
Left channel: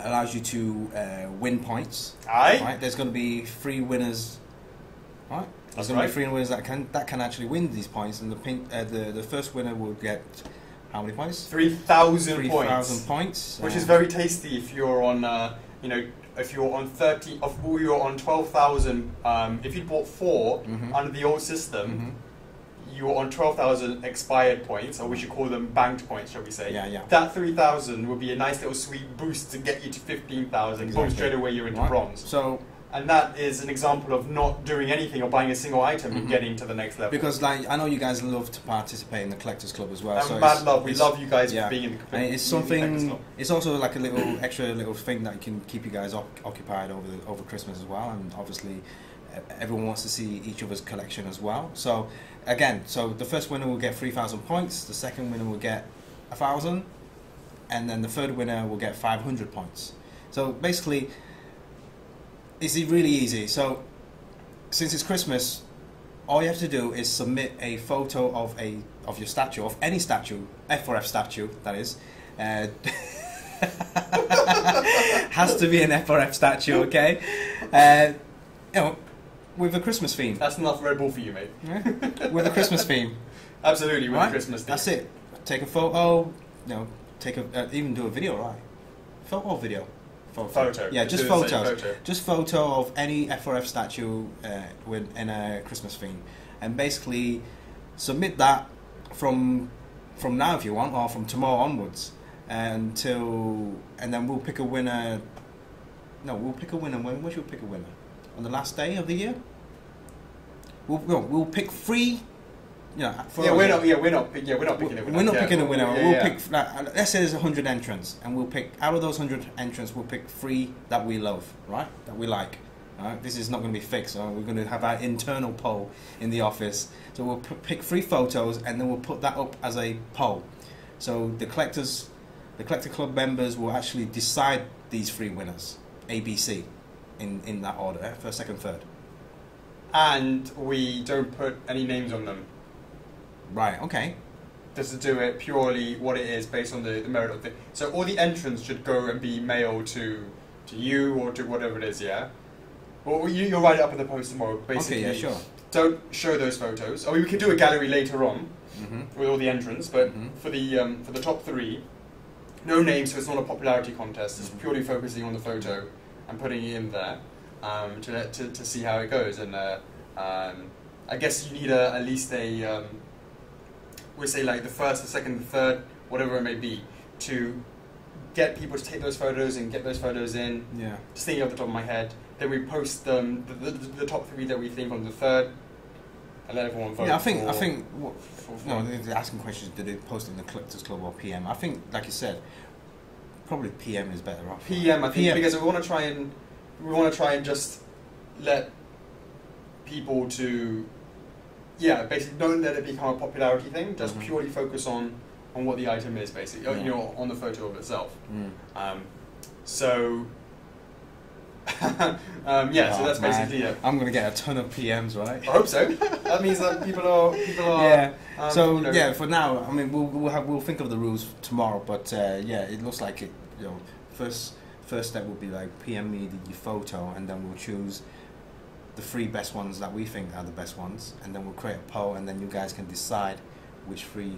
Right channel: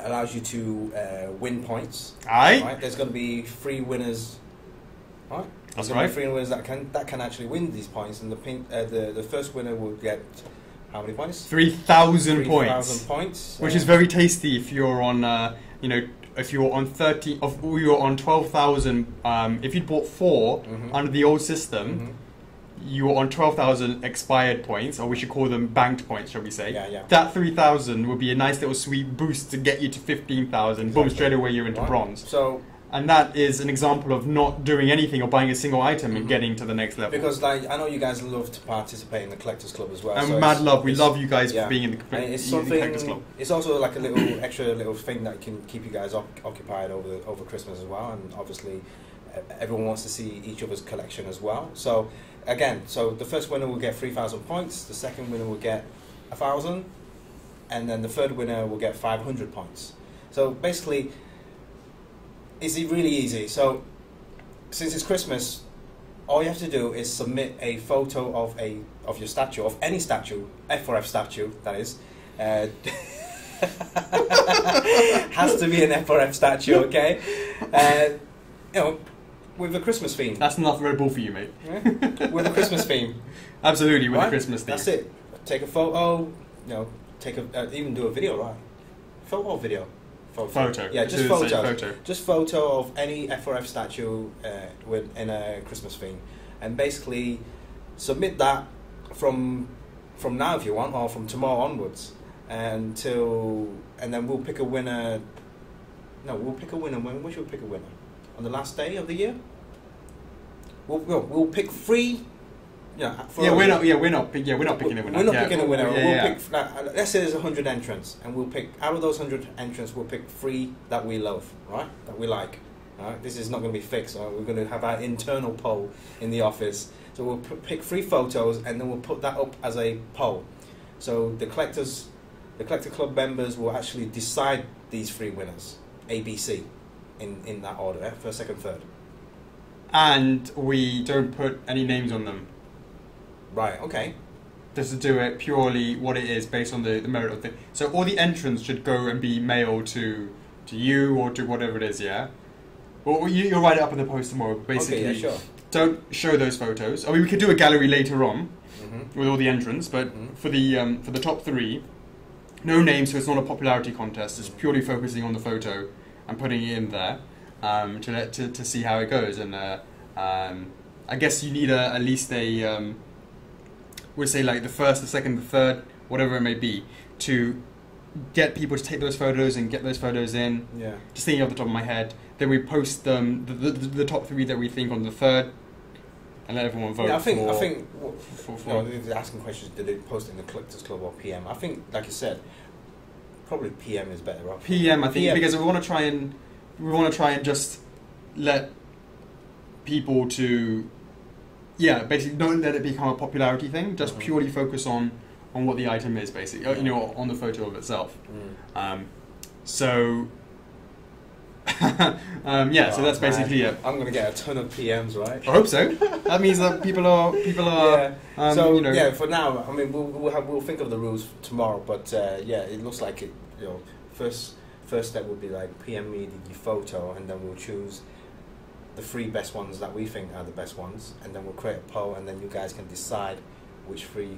allows you to win points. Aye. Right. There's going to be 3 winners. Right. There's going to be 3 winners that can actually win these points, and the first winner will get how many points? 3,000 points. 3,000 points, which is very tasty if you're on if you're on 12,000. If you'd bought 4 under the old system, you were on 12,000 expired points, or we should call them banked points, shall we say? Yeah. That 3,000 would be a nice little sweet boost to get you to 15,000. Exactly. Boom! Straight away you're into bronze. And that is an example of not doing anything or buying a single item and getting to the next level. Because I know you guys love to participate in the Collectors Club as well. And so mad love. We love you guys for being in the Collectors Club. It's also like a little extra little thing that can keep you guys occupied over Christmas as well. And obviously, everyone wants to see each other's collection as well. So again, the first winner will get 3,000 points. The second winner will get 1,000, and then the third winner will get 500 points. So basically, it's really easy. So, since it's Christmas, all you have to do is submit a photo of your statue, of any statue, F4F statue, that is. Has to be an F4F statue, okay? With a Christmas theme. That's enough Red Bull for you, mate. With a Christmas theme. Absolutely, with a Christmas theme. That's it. Take a photo. Even do a video, right? Photo or video. Photo. Yeah, just photos. Just photo of any F4F statue in a Christmas theme, and basically submit that from now if you want, or from tomorrow onwards, and then we'll pick a winner. No, we'll pick a winner. When should we pick a winner? On the last day of the year. We'll pick 3. We're not picking a winner. We're not picking a winner. We'll pick. Let's say there's 100 entrants, and we'll pick out of those 100 entrants. We'll pick 3 that we love, right? That we like. Right? This is not going to be fixed. Right? We're going to have our internal poll in the office. So we'll pick 3 photos, and then we'll put that up as a poll. So the Collector Club members will actually decide these 3 winners, A, B, C, in that order, first, second, third. And we don't put any names on them. Right. Okay. Just to do it purely what it is based on the merit of the. So all the entrants should go and be mailed to you or to whatever it is. Yeah. Well, you'll write it up in the post tomorrow. Basically, Okay. Yeah. Sure. Don't show those photos. I mean, we could do a gallery later on with all the entrants, but for the top 3, no names, so it's not a popularity contest. It's purely focusing on the photo and putting it in there to see how it goes. And I guess you need at least a we'll say like the first, the second, the third, whatever it may be, to get people to take those photos and get those photos in. Yeah. Just thinking off the top of my head. Then we post the top 3 that we think on the 3rd, and let everyone vote. Yeah, I think for they're asking questions. Did they post it in the Collectors Club or PM? I think, like you said, probably PM is better off. PM, I think, PM. Because we want to try and just let people to, basically don't let it become a popularity thing. Just purely focus on what the item is, basically, on the photo of itself. So. So that's basically it. I'm gonna get a ton of PMs, right? I hope so. That means that people are. Yeah. For now, I mean, we'll think of the rules tomorrow. But it looks like it. First step would be like PM me your photo, and then we'll choose the 3 best ones that we think are the best ones, and then we'll create a poll, and then you guys can decide which 3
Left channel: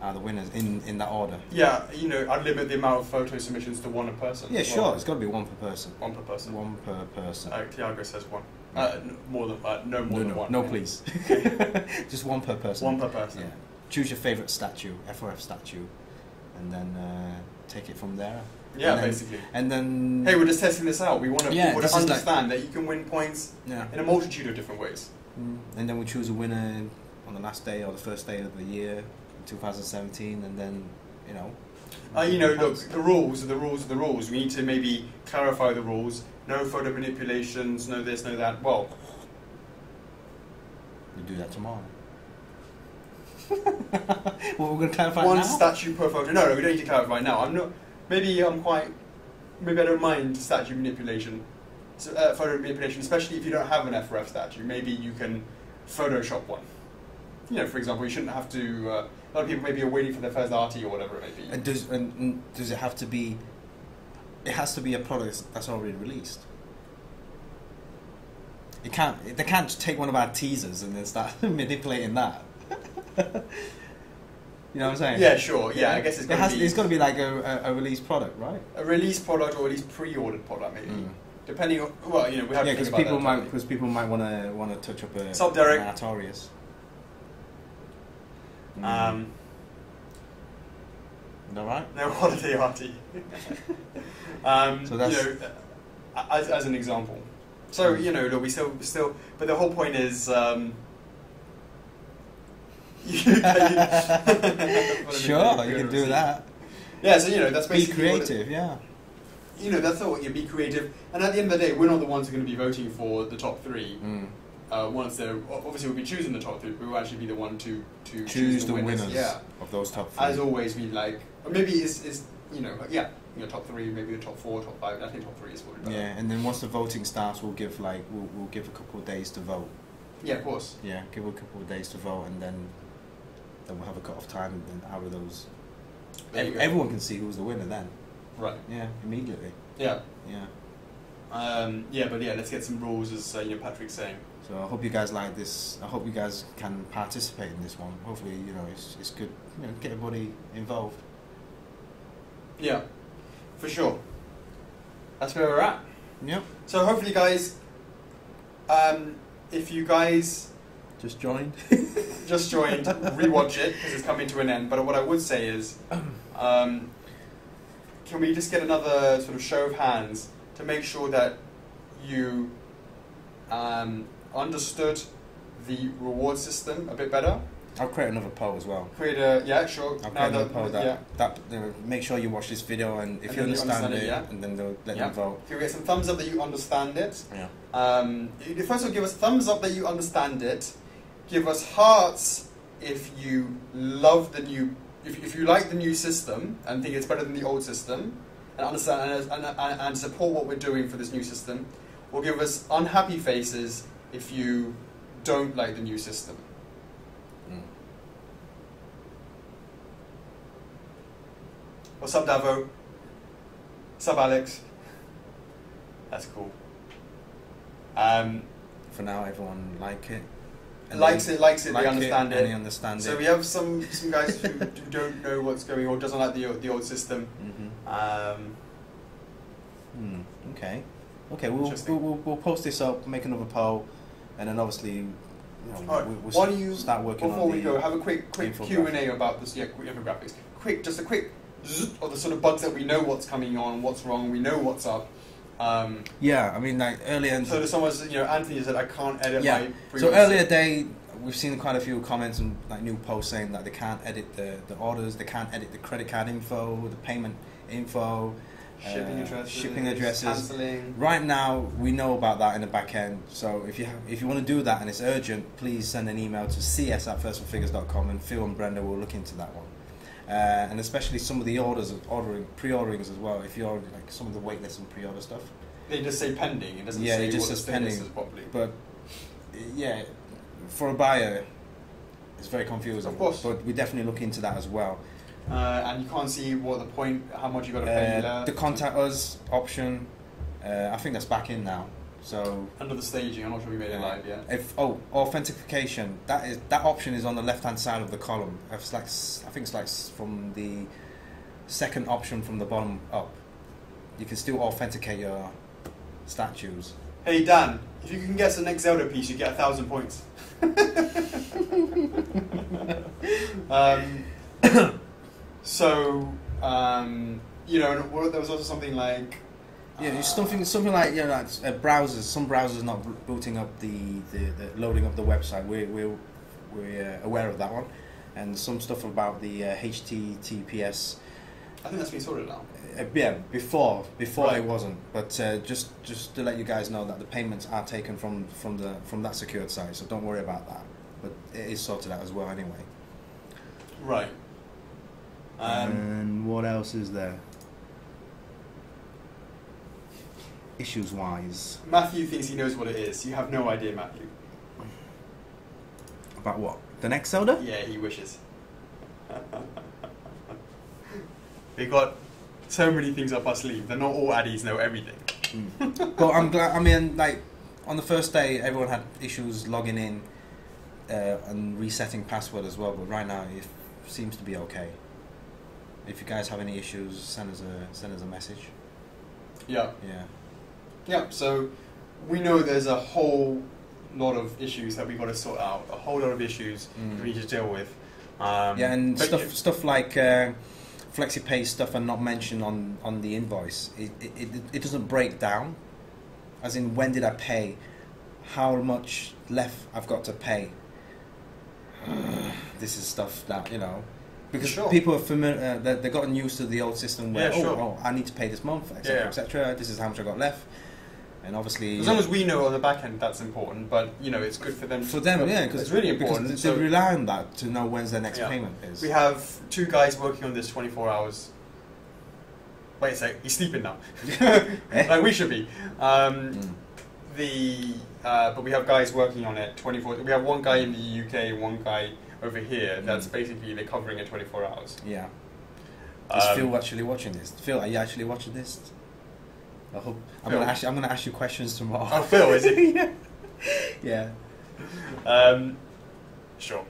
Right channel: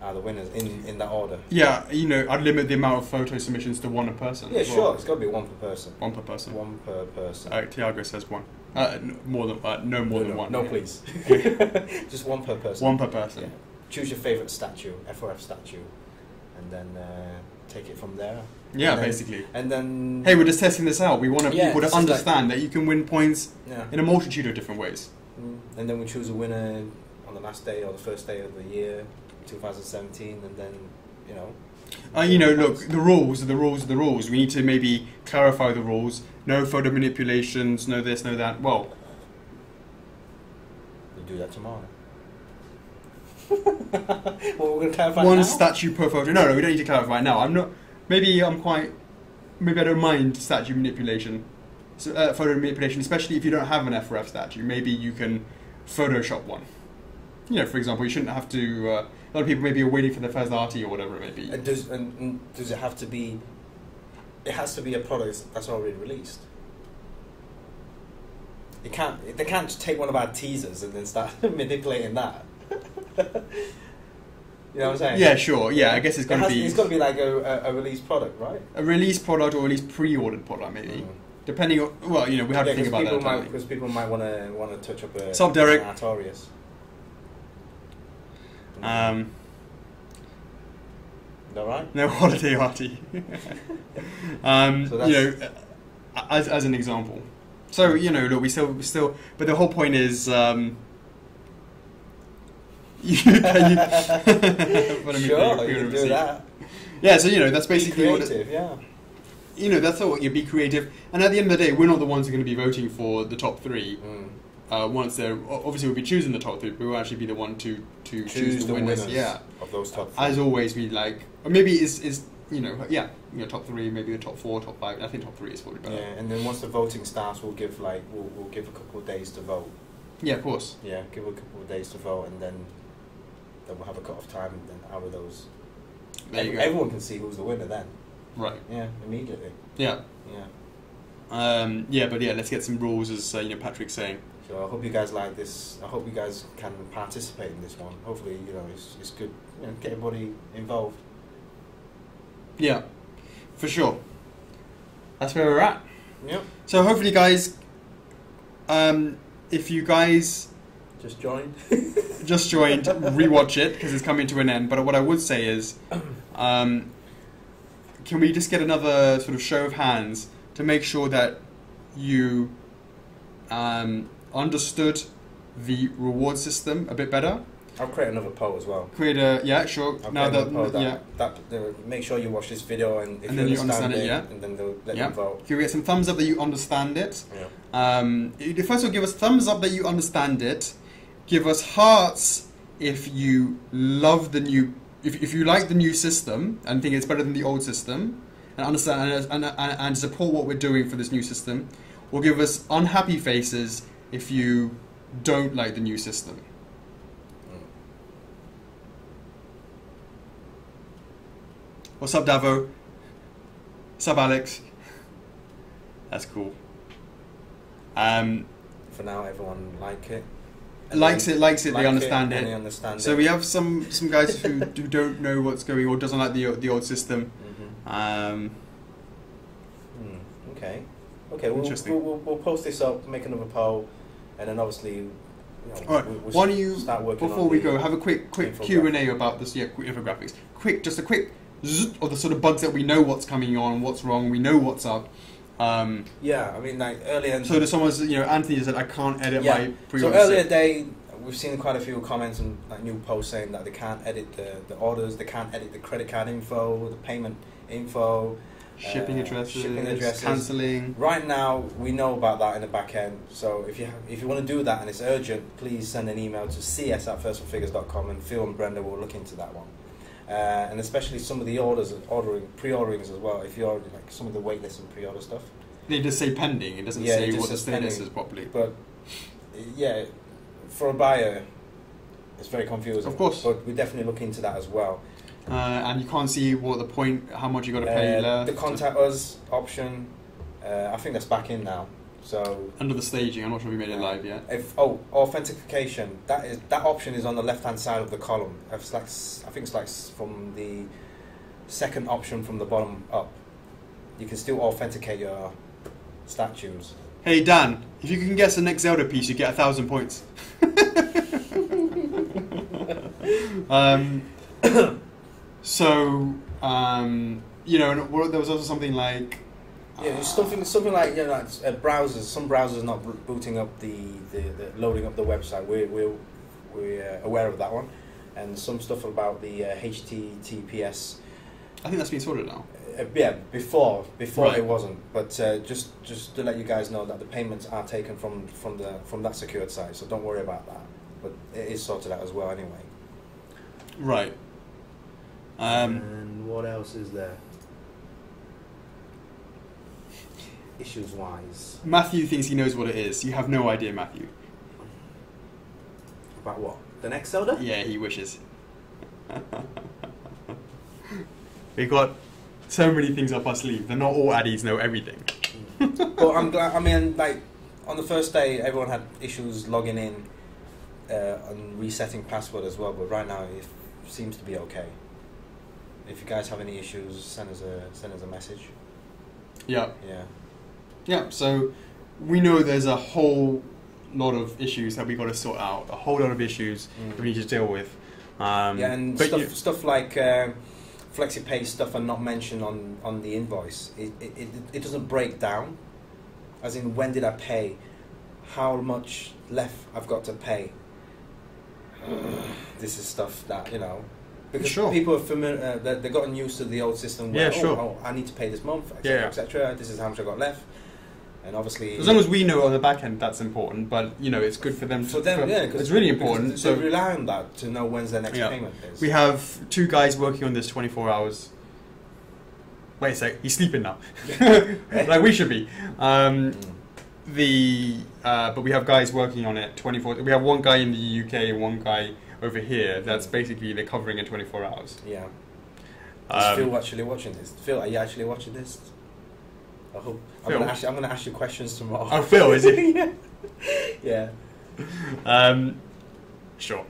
are the winners in that order. Yeah, I'd limit the amount of photo submissions to 1 a person. Yeah, sure. It's got to be 1 per person. 1 per person. 1 per person. Tiago says 1. No more than 1. No, please. Just 1 per person. 1 per person. Yeah. Choose your favourite statue, F4F statue, and then take it from there. Yeah, basically. And then... Hey, we're just testing this out. We want people to understand that you can win points in a multitude of different ways. And then we choose a winner on the last day or the first day of the year, 2017, and then, look, the rules are the rules are the rules. We need to maybe clarify the rules. No photo manipulations, no this, no that. Well, we do that tomorrow. Well, we're going to clarify one now? statue per photo. No, we don't need to clarify now. Maybe I don't mind statue manipulation. Photo manipulation, especially if you don't have an F4F statue. Maybe you can Photoshop one. For example, you shouldn't have to... a lot of people maybe are waiting for their first arty or whatever it may be. Does it have to be... It has to be a product that's already released. They can't just take one of our teasers and then start manipulating that. You know what I'm saying? Yeah, sure. Yeah, I guess it's got to be... It's got to be like a released product, right? A released product or at least pre-ordered product, maybe. Depending on... Well, we have to think about that. Because people might want to touch up a... Sup, Derek? Artorias. Is that right? No holiday arty. So that's... as an example. So, look, we still... But the whole point is... Sure, you can do that. Yeah, so that's basically be creative. That's what you be creative. And at the end of the day, we're not the ones who are going to be voting for the top 3. Once they're obviously we'll be choosing the top 3, but we'll actually be the one to choose the winners. Of those top 3. As always, we like, or maybe is top 3, maybe the top 4, top 5. I think top 3 is probably better. Yeah, and then once the voting starts, we'll give we'll give a couple of days to vote. Yeah, of course. Yeah, give a couple of days to vote, and then we'll have a cut-off time, and then out of those, everyone can see who's the winner then. Right. Yeah, immediately. Yeah. Yeah. But let's get some rules, as Patrick's saying. So I hope you guys like this. I hope you guys can participate in this one. Hopefully, it's good. Get everybody involved. Yeah, for sure. That's where we're at. Yep. So hopefully, guys, if you guys just joined, rewatch it because it's coming to an end. But what I would say is, can we just get another sort of show of hands to make sure that you understood the reward system a bit better? I'll create another poll as well. Sure. Make sure you watch this video, and if you understand it, and then they'll let you vote. If you get some thumbs up that you understand it, first of all, give us thumbs up that you understand it. Give us hearts if you love the new, if you like the new system and think it's better than the old system, and understand and support what we're doing for this new system. Or give us unhappy faces if you don't like the new system. What's up, Davo? What's up, Alex? That's cool. For now, everyone like it. Likes it. They understand it. They understand so it. we have some guys who don't know what's going on, or doesn't like the old system. Okay. We'll post this up, make another poll, and then obviously, all right. Why don't you start working before we go have a quick Q&A about this infographics. Just a quick zzz of the sort of bugs that we know what's coming on, what's wrong, we know what's up. Yeah, I mean, like earlier. So there's someone, Anthony said I can't edit my pre-order. So earlier day, we've seen quite a few comments and like new posts saying that they can't edit the orders, they can't edit the credit card info, the payment info, shipping addresses, cancelling. Right now, we know about that in the back end. So if you want to do that and it's urgent, please send an email to cs@firstforfigures.com and Phil and Brenda will look into that one. And especially some of the pre-orderings as well. If you're like some of the waitlist and pre-order stuff, they just say pending. It doesn't say what the status is properly. But yeah, for a buyer, it's very confusing. Of course, but we definitely look into that as well. And you can't see how much you got to pay left. The contact us option, I think that's back in now. So under the staging, I'm not sure we made it live yet. Authentication. That option is on the left-hand side of the column. I think it's like from the second option from the bottom up. You can still authenticate your statues. Hey Dan, if you can guess the next Zelda piece, you get 1,000 points. There was also something like. Yeah, it's something like like browsers. Some browsers not booting up the loading up the website. We're aware of that one, and some stuff about the HTTPS. I think that's been sorted now. Yeah, before right. It wasn't, but just to let you guys know that the payments are taken from that secured site, so don't worry about that. But it is sorted out as well anyway. Right. And what else is there? Issues-wise. Matthew thinks he knows what it is. You have no idea, Matthew. About what? The next Zelda? Yeah, he wishes. We got so many things up our sleeve. They're not all addies know everything. But I'm glad. I mean, like on the first day, everyone had issues logging in and resetting password as well. But right now, it seems to be okay. If you guys have any issues, send us a message. Yeah. Yeah. Yeah, so we know there's a whole lot of issues that we've got to sort out, a whole lot of issues we need to deal with. And stuff like FlexiPay stuff are not mentioned on the invoice. It doesn't break down, as in when did I pay, how much left I've got to pay. This is stuff that, because people are familiar, they've gotten used to the old system where, I need to pay this month, etc., etc. This is how much I got left. And obviously, as long as we know on the back end, that's important. But it's good for them. Because it's really important. So they rely on that to know when's their next payment is. We have 2 guys working on this 24 hours. Wait a sec, he's sleeping now. Like we should be. But we have guys working on it 24. We have one guy in the UK and one guy over here. That's basically they're covering it 24 hours. Yeah. Is Phil actually watching this? Phil, are you actually watching this? I hope. I'm going to ask you questions tomorrow. Oh, Phil, is he? Yeah. Sure.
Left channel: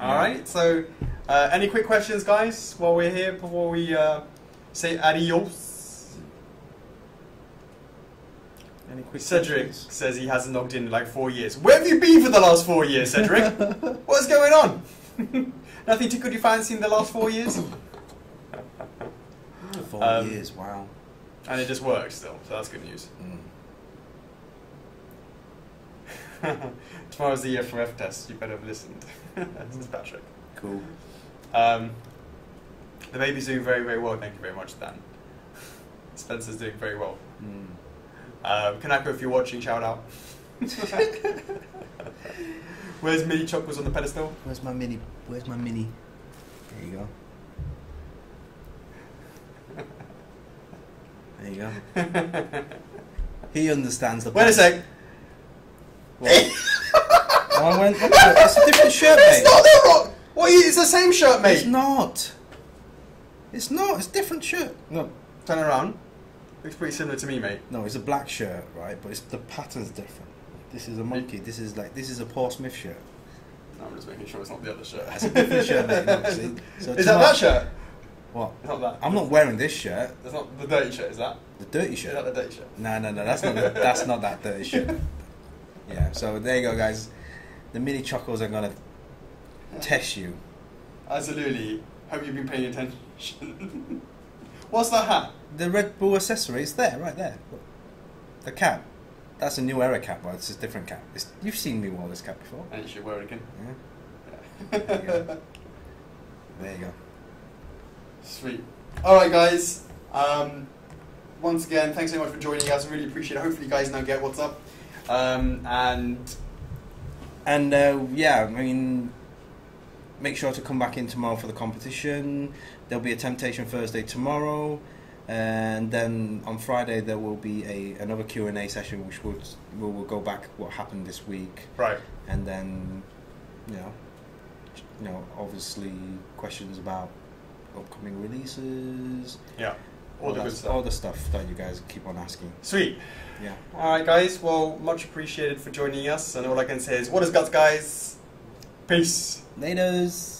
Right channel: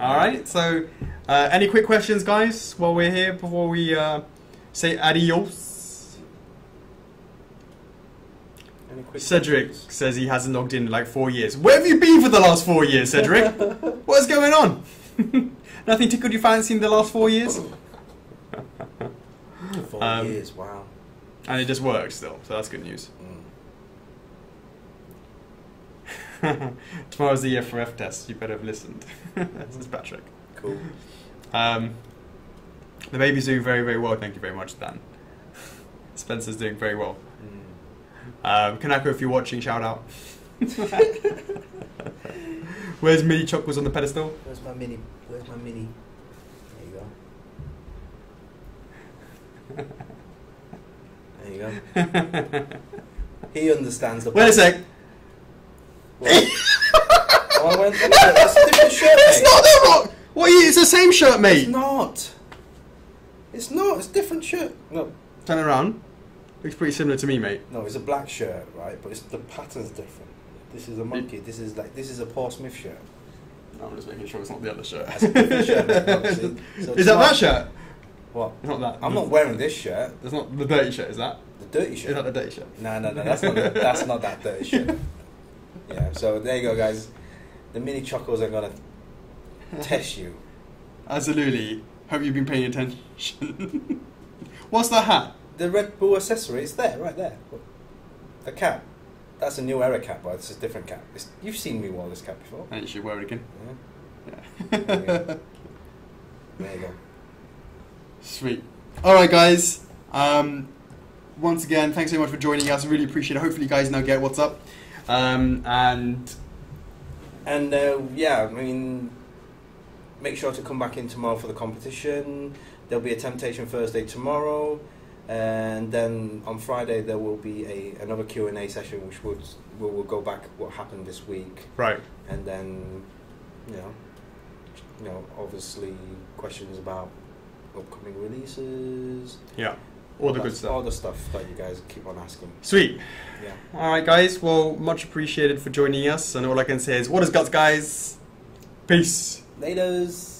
All right. So, any quick questions, guys, while we're here before we say adios? Any quick Cedric questions? says he hasn't logged in like 4 years. Where have you been for the last 4 years, Cedric? What is going on? Nothing tickled your fancy in the last 4 years? 4 years, wow. And it just works still, so that's good news. Tomorrow's the F4F test. You better have listened. This is Patrick. Cool. The baby's doing very, very well. Thank you very much, Dan. Spencer's doing very well. Kanako, if you're watching, shout out. Where's Mini Chuck was on the pedestal? Where's my mini? There you go. There you go. He understands the. Wait a sec. It's a different shirt, mate. It's not the rock. What? It's the same shirt, mate. It's not. It's not. It's a different shirt. No. Turn it around. Looks pretty similar to me, mate. No, it's a black shirt, right? But the pattern's different. This is a monkey. This is a Paul Smith shirt. No, I'm just making sure it's not the other shirt. That's a different shirt, mate, obviously. So is that shirt? What? It's not that. I'm not wearing this shirt. It's not the dirty shirt, is that? The dirty shirt? Is that the dirty shirt? No, that's not that dirty shirt. Yeah, so there you go, guys. The mini chocos are going to test you. Absolutely. Hope you've been paying attention. What's that hat? The Red Bull accessory. It's there, right there. The cap. That's a new era cap, but it's a different cap. You've seen me wear this cap before. And you should wear it again. Yeah. There you go. There you go. Sweet. Alright, guys. Once again, thanks so much for joining us. I really appreciate it. Hopefully you guys now get what's up. And yeah, I mean, make sure to come back in tomorrow for the competition. There'll be a Temptation Thursday tomorrow, and then on Friday there will be another Q&A session, which we'll go back what happened this week. Right. And then, you know, obviously questions about upcoming releases. Yeah. All the good stuff. All the stuff that you guys keep on asking. Sweet. Yeah. Alright, guys. Well, much appreciated for joining us. And all I can say is, what is guts, guys? Peace. Laters.